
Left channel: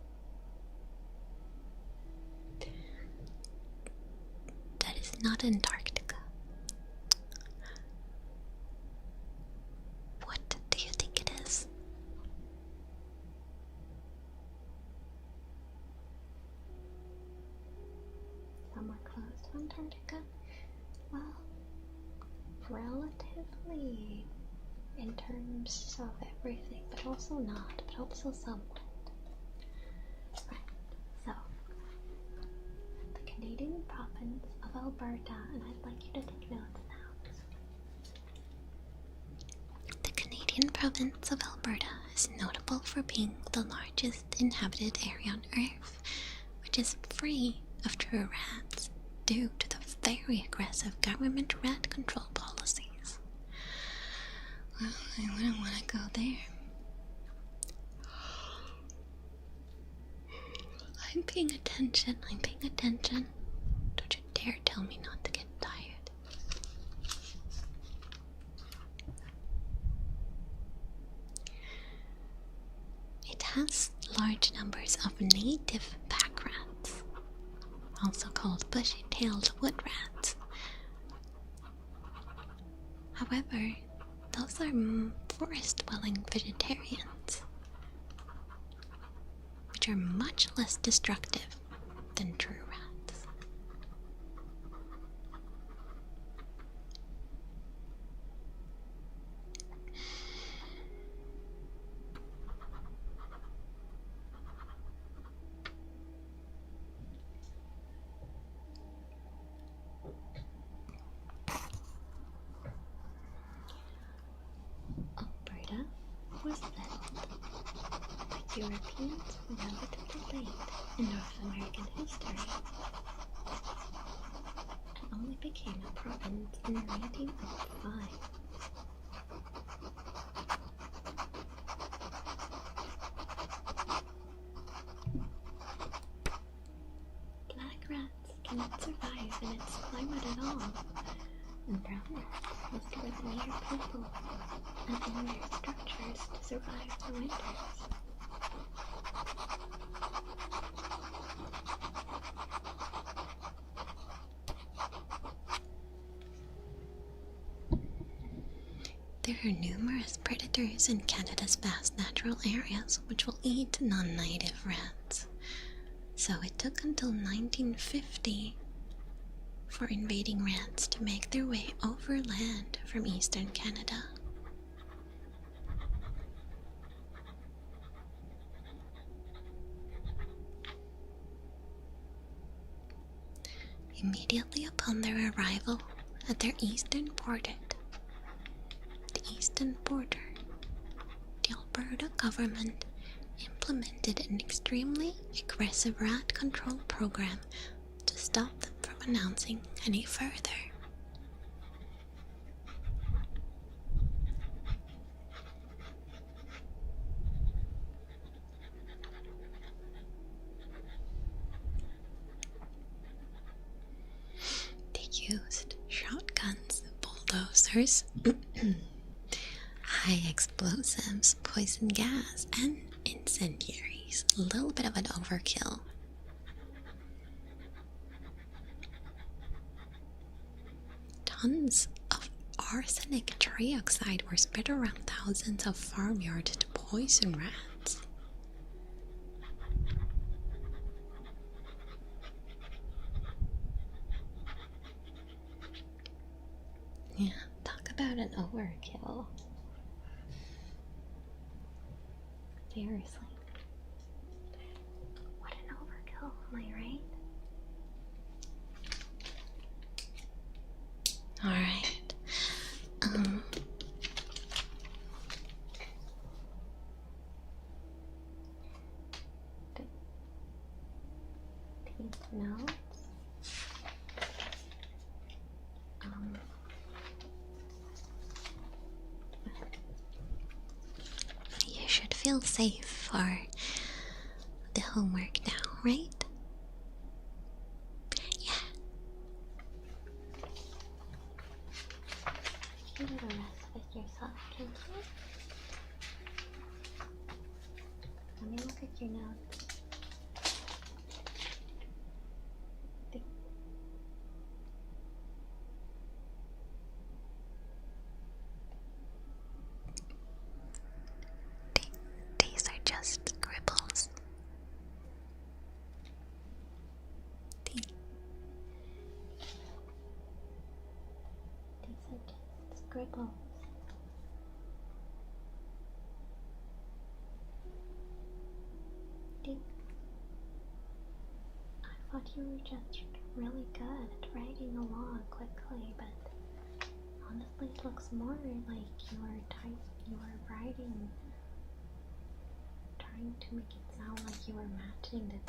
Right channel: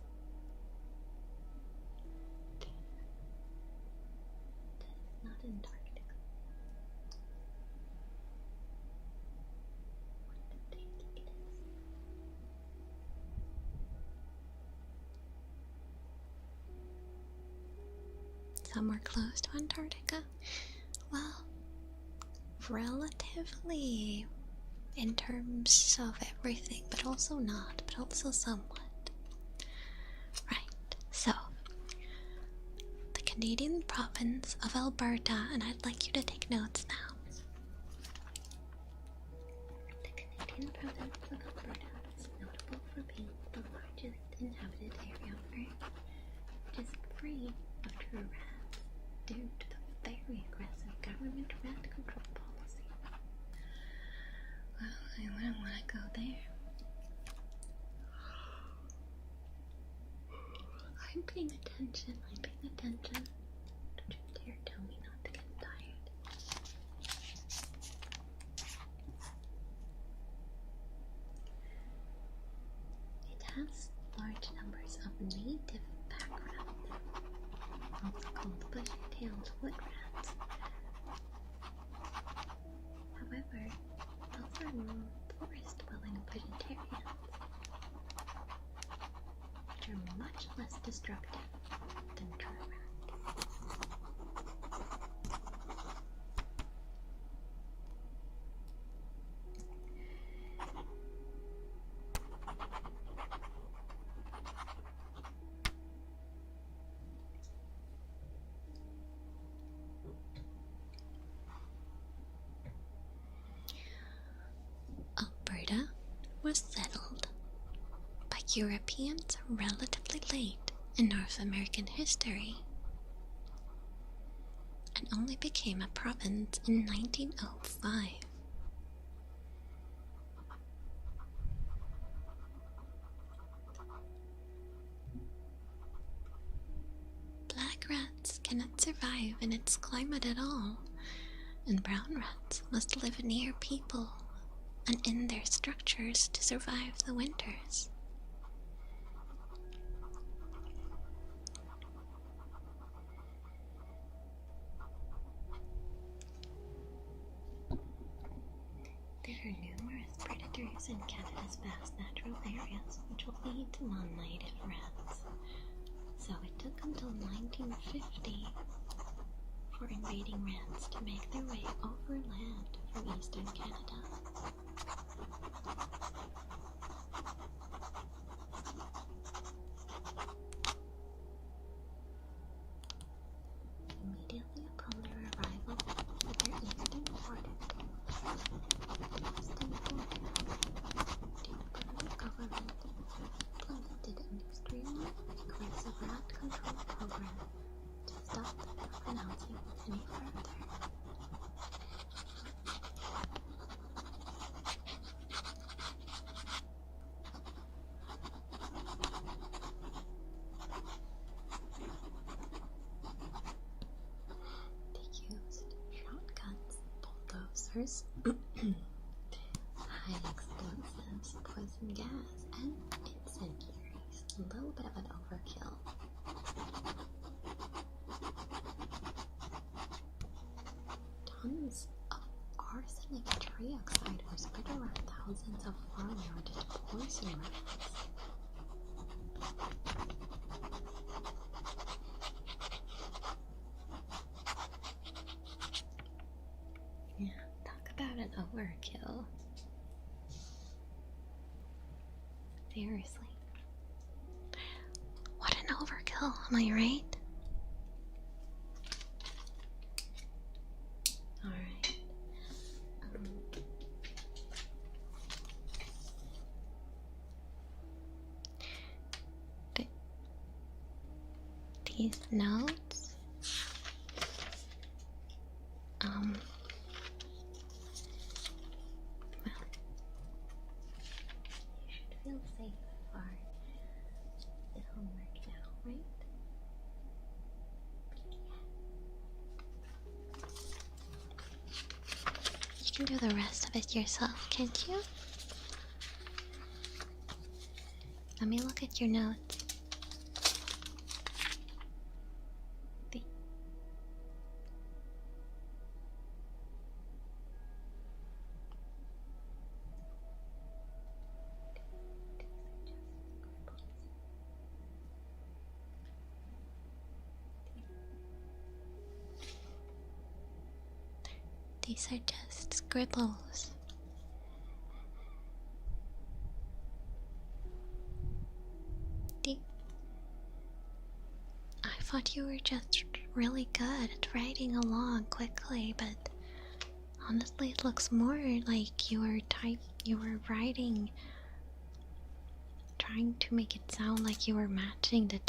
That is not Antarctica. What do you think it is? Somewhere close to Antarctica? Well, relatively in terms of everything, but also not, but also somewhat. Right, so the Canadian province of Alberta, and I'd like you to take notes now. The Canadian province of Alberta is notable for being the largest inhabited area on Earth, which is free of true rats due to the very aggressive government rat control policies. Well, I wouldn't want to go there. I'm paying attention. Don't you dare tell me not to get tired. It has large numbers of native pack rats, also called bushy-tailed wood rats. However, those are forest-dwelling vegetarians, which are much less destructive than true rats. Alberta was settled by Europeans relatively late in North American history and only became a province in 1905. Black rats cannot survive in its climate at all, and brown rats must live near people and in their structures to survive the winters. There are numerous predators in Canada's vast natural areas which will eat non-native rats. So it took until 1950 for invading rats to make their way overland from eastern Canada. Immediately upon their arrival at their eastern border, the Alberta government implemented an extremely aggressive rat control program to stop them from announcing any further. They used shotguns, bulldozers, high explosives, poison gas, and incendiaries. A little bit of an overkill. Tons of arsenic trioxide were spread around thousands of farmyards to poison rats. Yeah, talk about an overkill. Seriously. What an overkill, am I right? Alright. These notes. You should feel safe for the homework now, right? Yeah. You can do the rest of it yourself, can't you? Let me look at your notes. These are just scribbles. These are just scribbles. I thought you were just really good at writing along quickly, but honestly it looks more like you were writing, trying to make it sound like you were matching the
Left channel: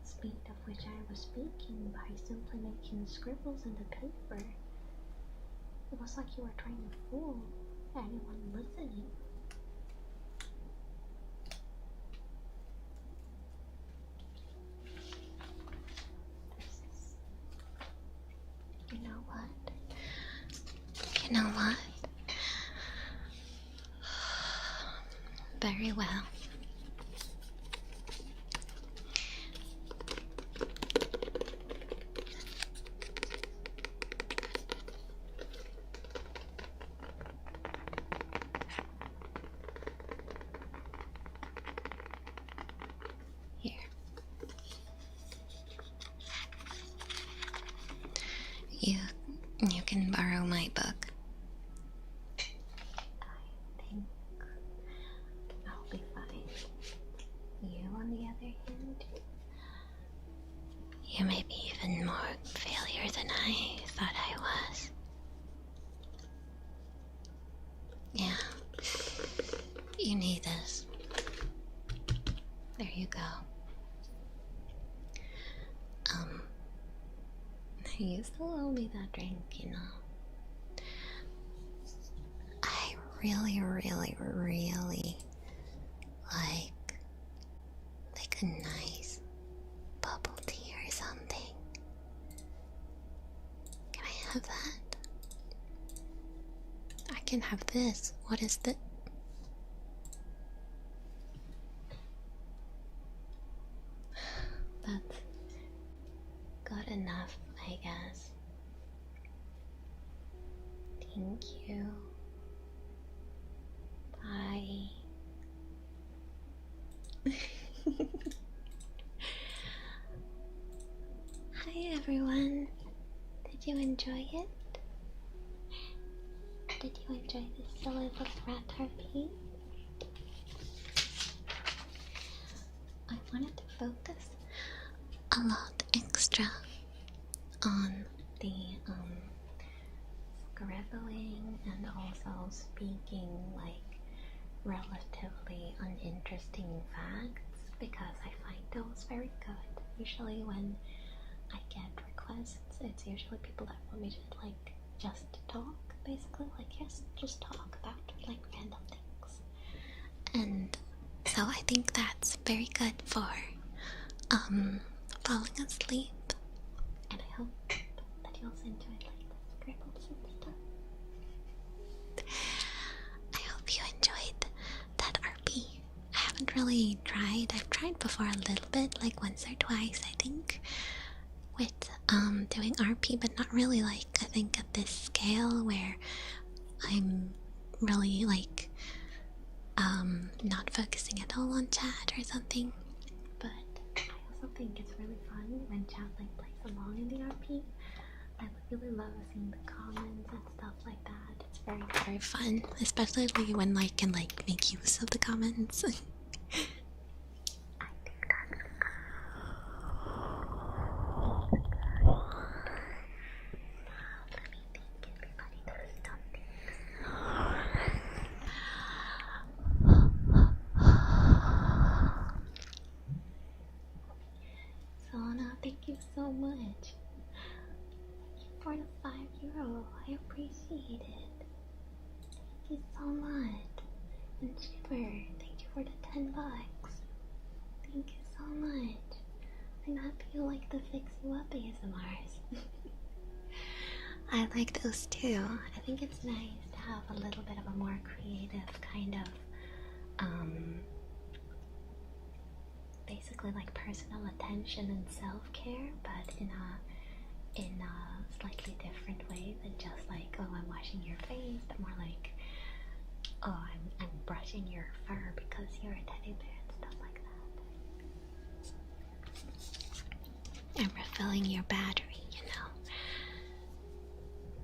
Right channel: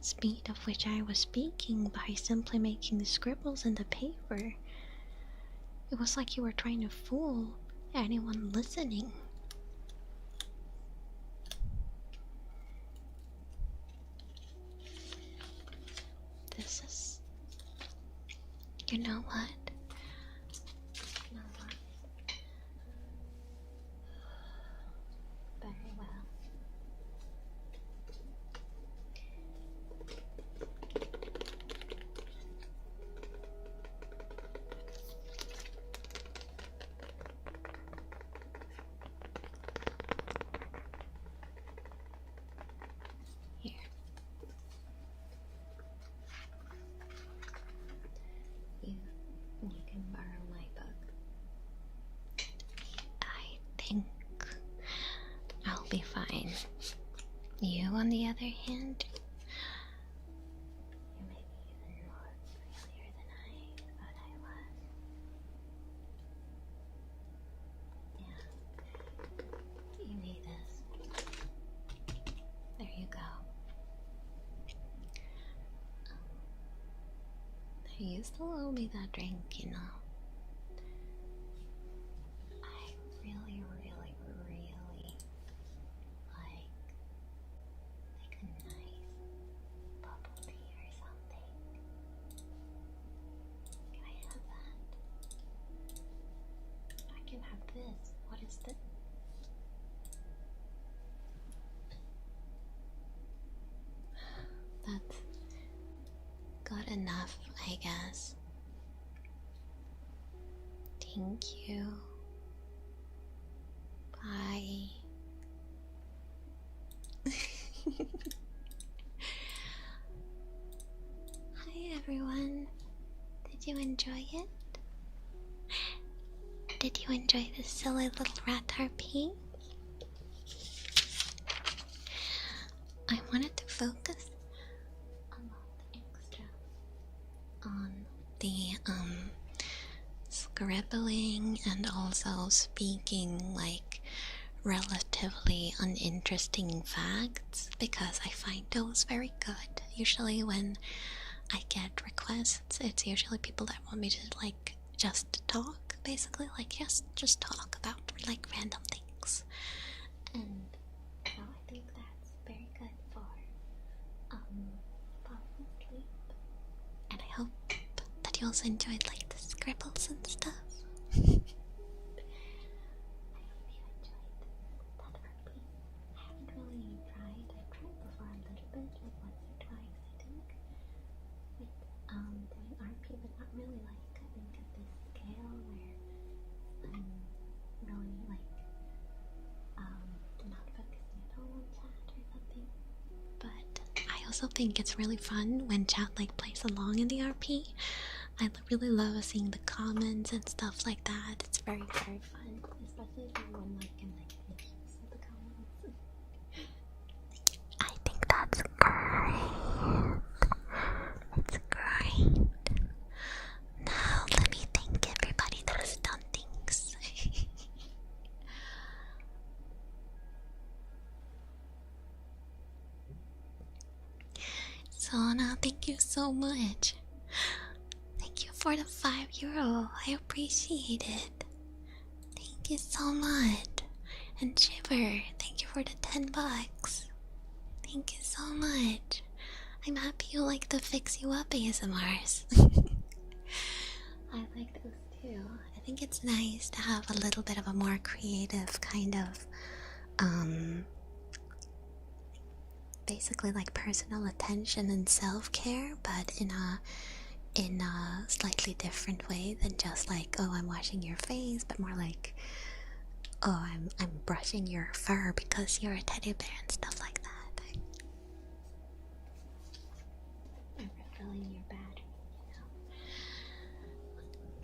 speed of which I was speaking by simply making the scribbles in the paper. It was like you were trying to fool anyone listening. This is... You know what? You know what? Very well. Here. You can borrow my book. I think I'll be fine. You, on the other hand, you may be even more failure than I thought I was. Yeah. You need this. There you go. You still owe me that drink, you know. I really, really, really like a nice bubble tea or something. Can I have that? I can have this. What is this? That's good enough, I guess. Thank you. Bye. Hi everyone. Did you enjoy it? Did you enjoy this silly little rat RP? I wanted to focus a lot extra on the scribbling and also speaking like relatively uninteresting facts because I find those very good. Usually when I get requests, it's usually people that want me to like just talk, basically like just talk about like random things. And so I think that's very good for falling asleep. And I hope that you also enjoyed like the scribbles and stuff. I hope you enjoyed that RP. I haven't really tried. I've tried before a little bit, like once or twice I think, with doing RP, but not really like I think at this scale where I'm really like not focusing at all on chat or something. But I also think it's really fun when chat like plays along in the RP. I really love seeing the comments and stuff like that. It's very, very fun, especially when I can like make use of the comments. I think that's great. It's great. Now let me thank everybody that has done things. Sona, thank you so much. Thank you for the €5. I appreciate it. Thank you so much. And Shiver, thank you for the $10. Thank you so much. I'm happy you like the Fix You Up ASMRs. I like those too. I think it's nice to have a little bit of a more creative kind of basically like personal attention and self-care, but in a slightly different way than just like, oh, I'm washing your face, but more like, oh, I'm brushing your fur because you're a teddy bear and stuff like that. I'm refilling your battery, you know.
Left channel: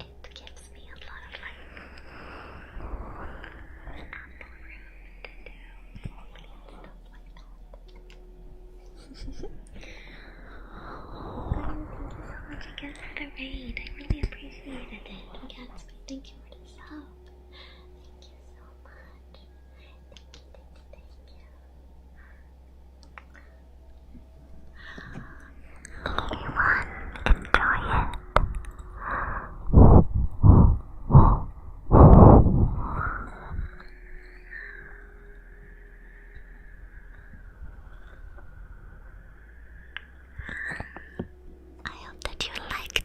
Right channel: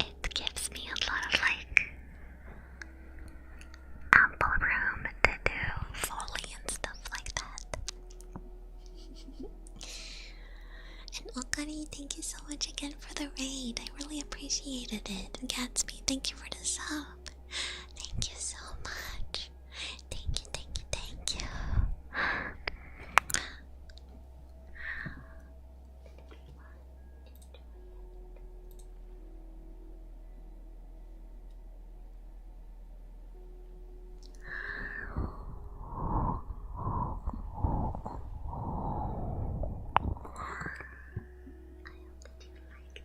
It gives me a lot of like ample room to do Foley and stuff like that. And Wakari, thank you so much again for the raid. I really appreciated it. And Gatsby, thank you for the sub. Thank you so much. Thank you, thank you, thank you. Everyone, enjoy it. I hope that you liked it.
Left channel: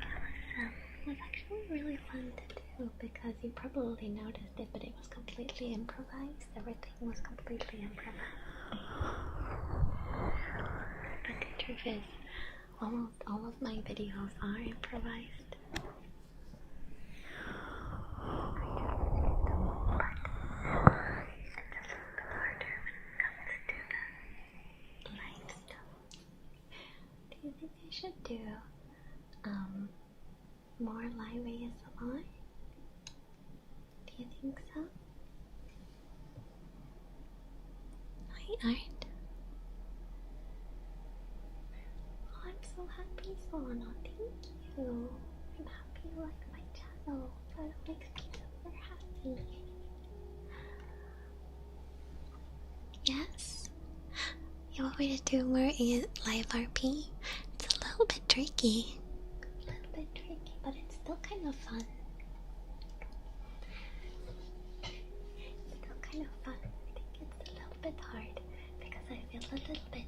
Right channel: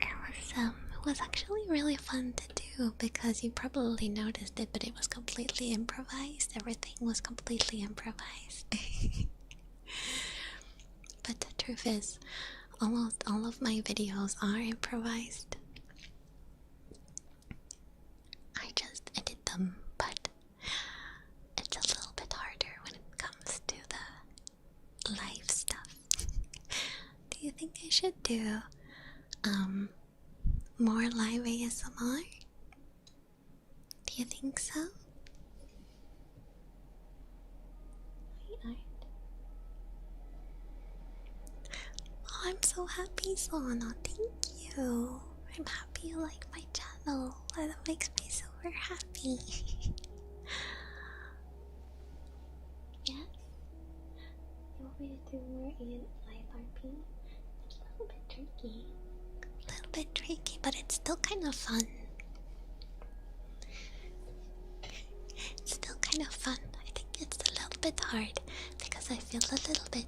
It was actually really fun to do because you probably noticed it, but it was completely improvised. Everything was completely improvised. But the truth is, almost all of my videos are improvised. I just edit them, but it's a little bit harder when it comes to the live stuff. Do you think I should do more live ASMR? Do you think so? I aren't. Oh, I'm so happy, Sona. Thank you. I'm happy you like my channel. That makes me super happy. Yes? What me to do more live RP. It's a little bit tricky. A little bit tricky, but it's still kind of fun. It's still kind of fun. I think it's a little bit hard because I feel a little bit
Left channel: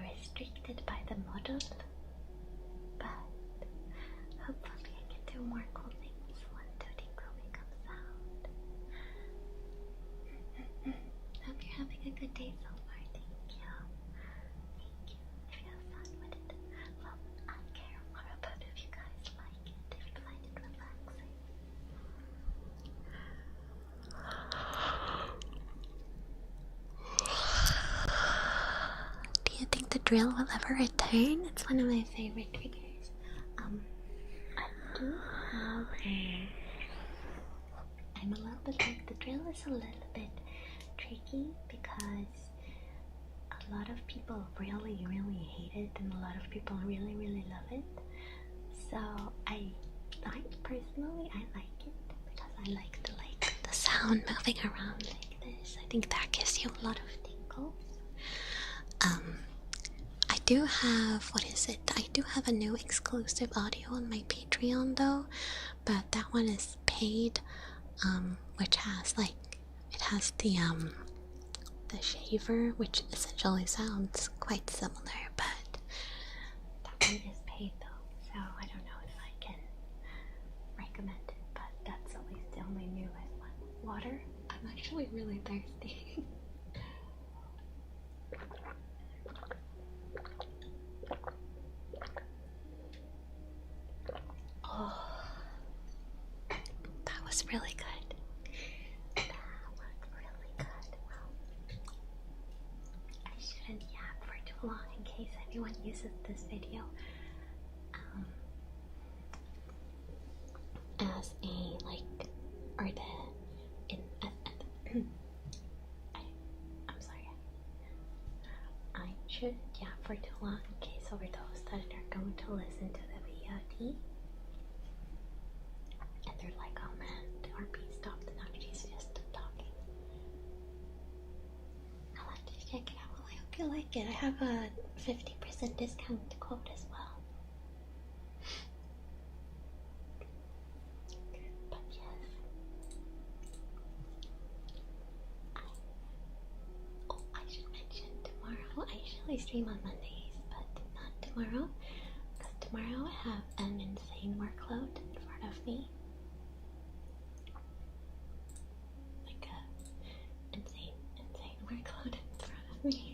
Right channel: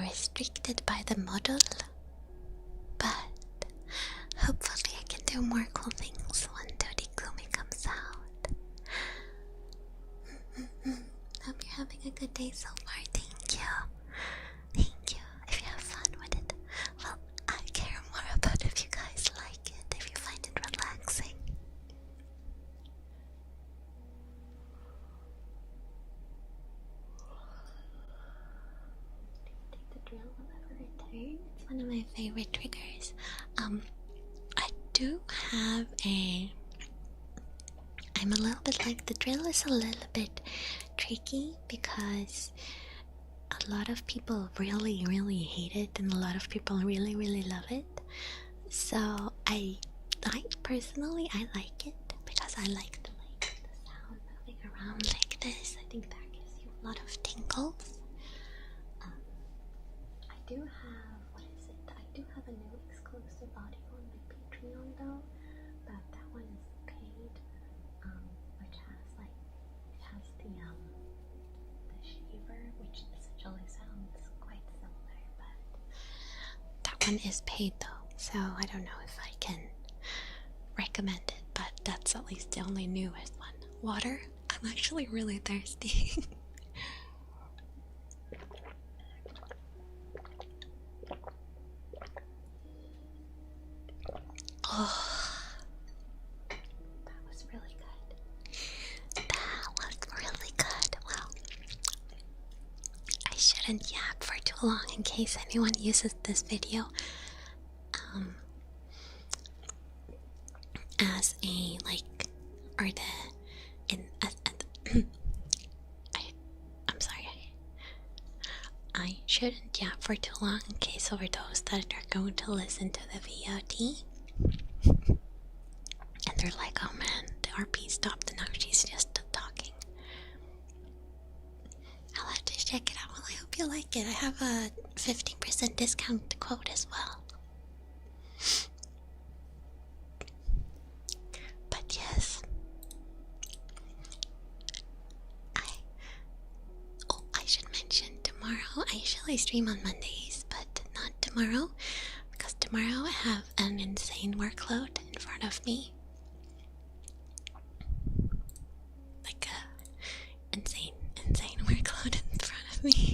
restricted by the model, but hopefully I can do more cool things when the Goomi comes out. Hope you're having a good day so far. Thank you. Thank you. If you have fun with it, well, I care more about if you guys like it, if you find it relaxing. Do you think the drill will ever return? It's one of my favorite triggers. I do have I'm a little bit like, the drill is a little bit tricky because a lot of people really hate it and a lot of people really love it. So personally I like it because I like the sound moving around like this. I think that gives you a lot of tingles. I do have, I do have a new exclusive audio on my Patreon though, but that one is paid, which has it has the shaver, which essentially sounds quite similar, but that one is paid though, so I don't know if I can recommend it, but that's at least the only newest one. Water? I'm actually really thirsty. Oh, that was really good. That was really good. Well, I shouldn't yap for too long in case anyone uses this video as a I'm sorry. I shouldn't yap for too long in case for those that are going to listen to the VOD and they're like, oh man, the RP stopped and now she's just talking. I'll have to check it out. Well, I hope you like it. I have a 50% discount code as well. But yes, I should mention tomorrow. I usually stream on Mondays, but not tomorrow because tomorrow I have an insane workload in front of me. Like a insane workload in front of me.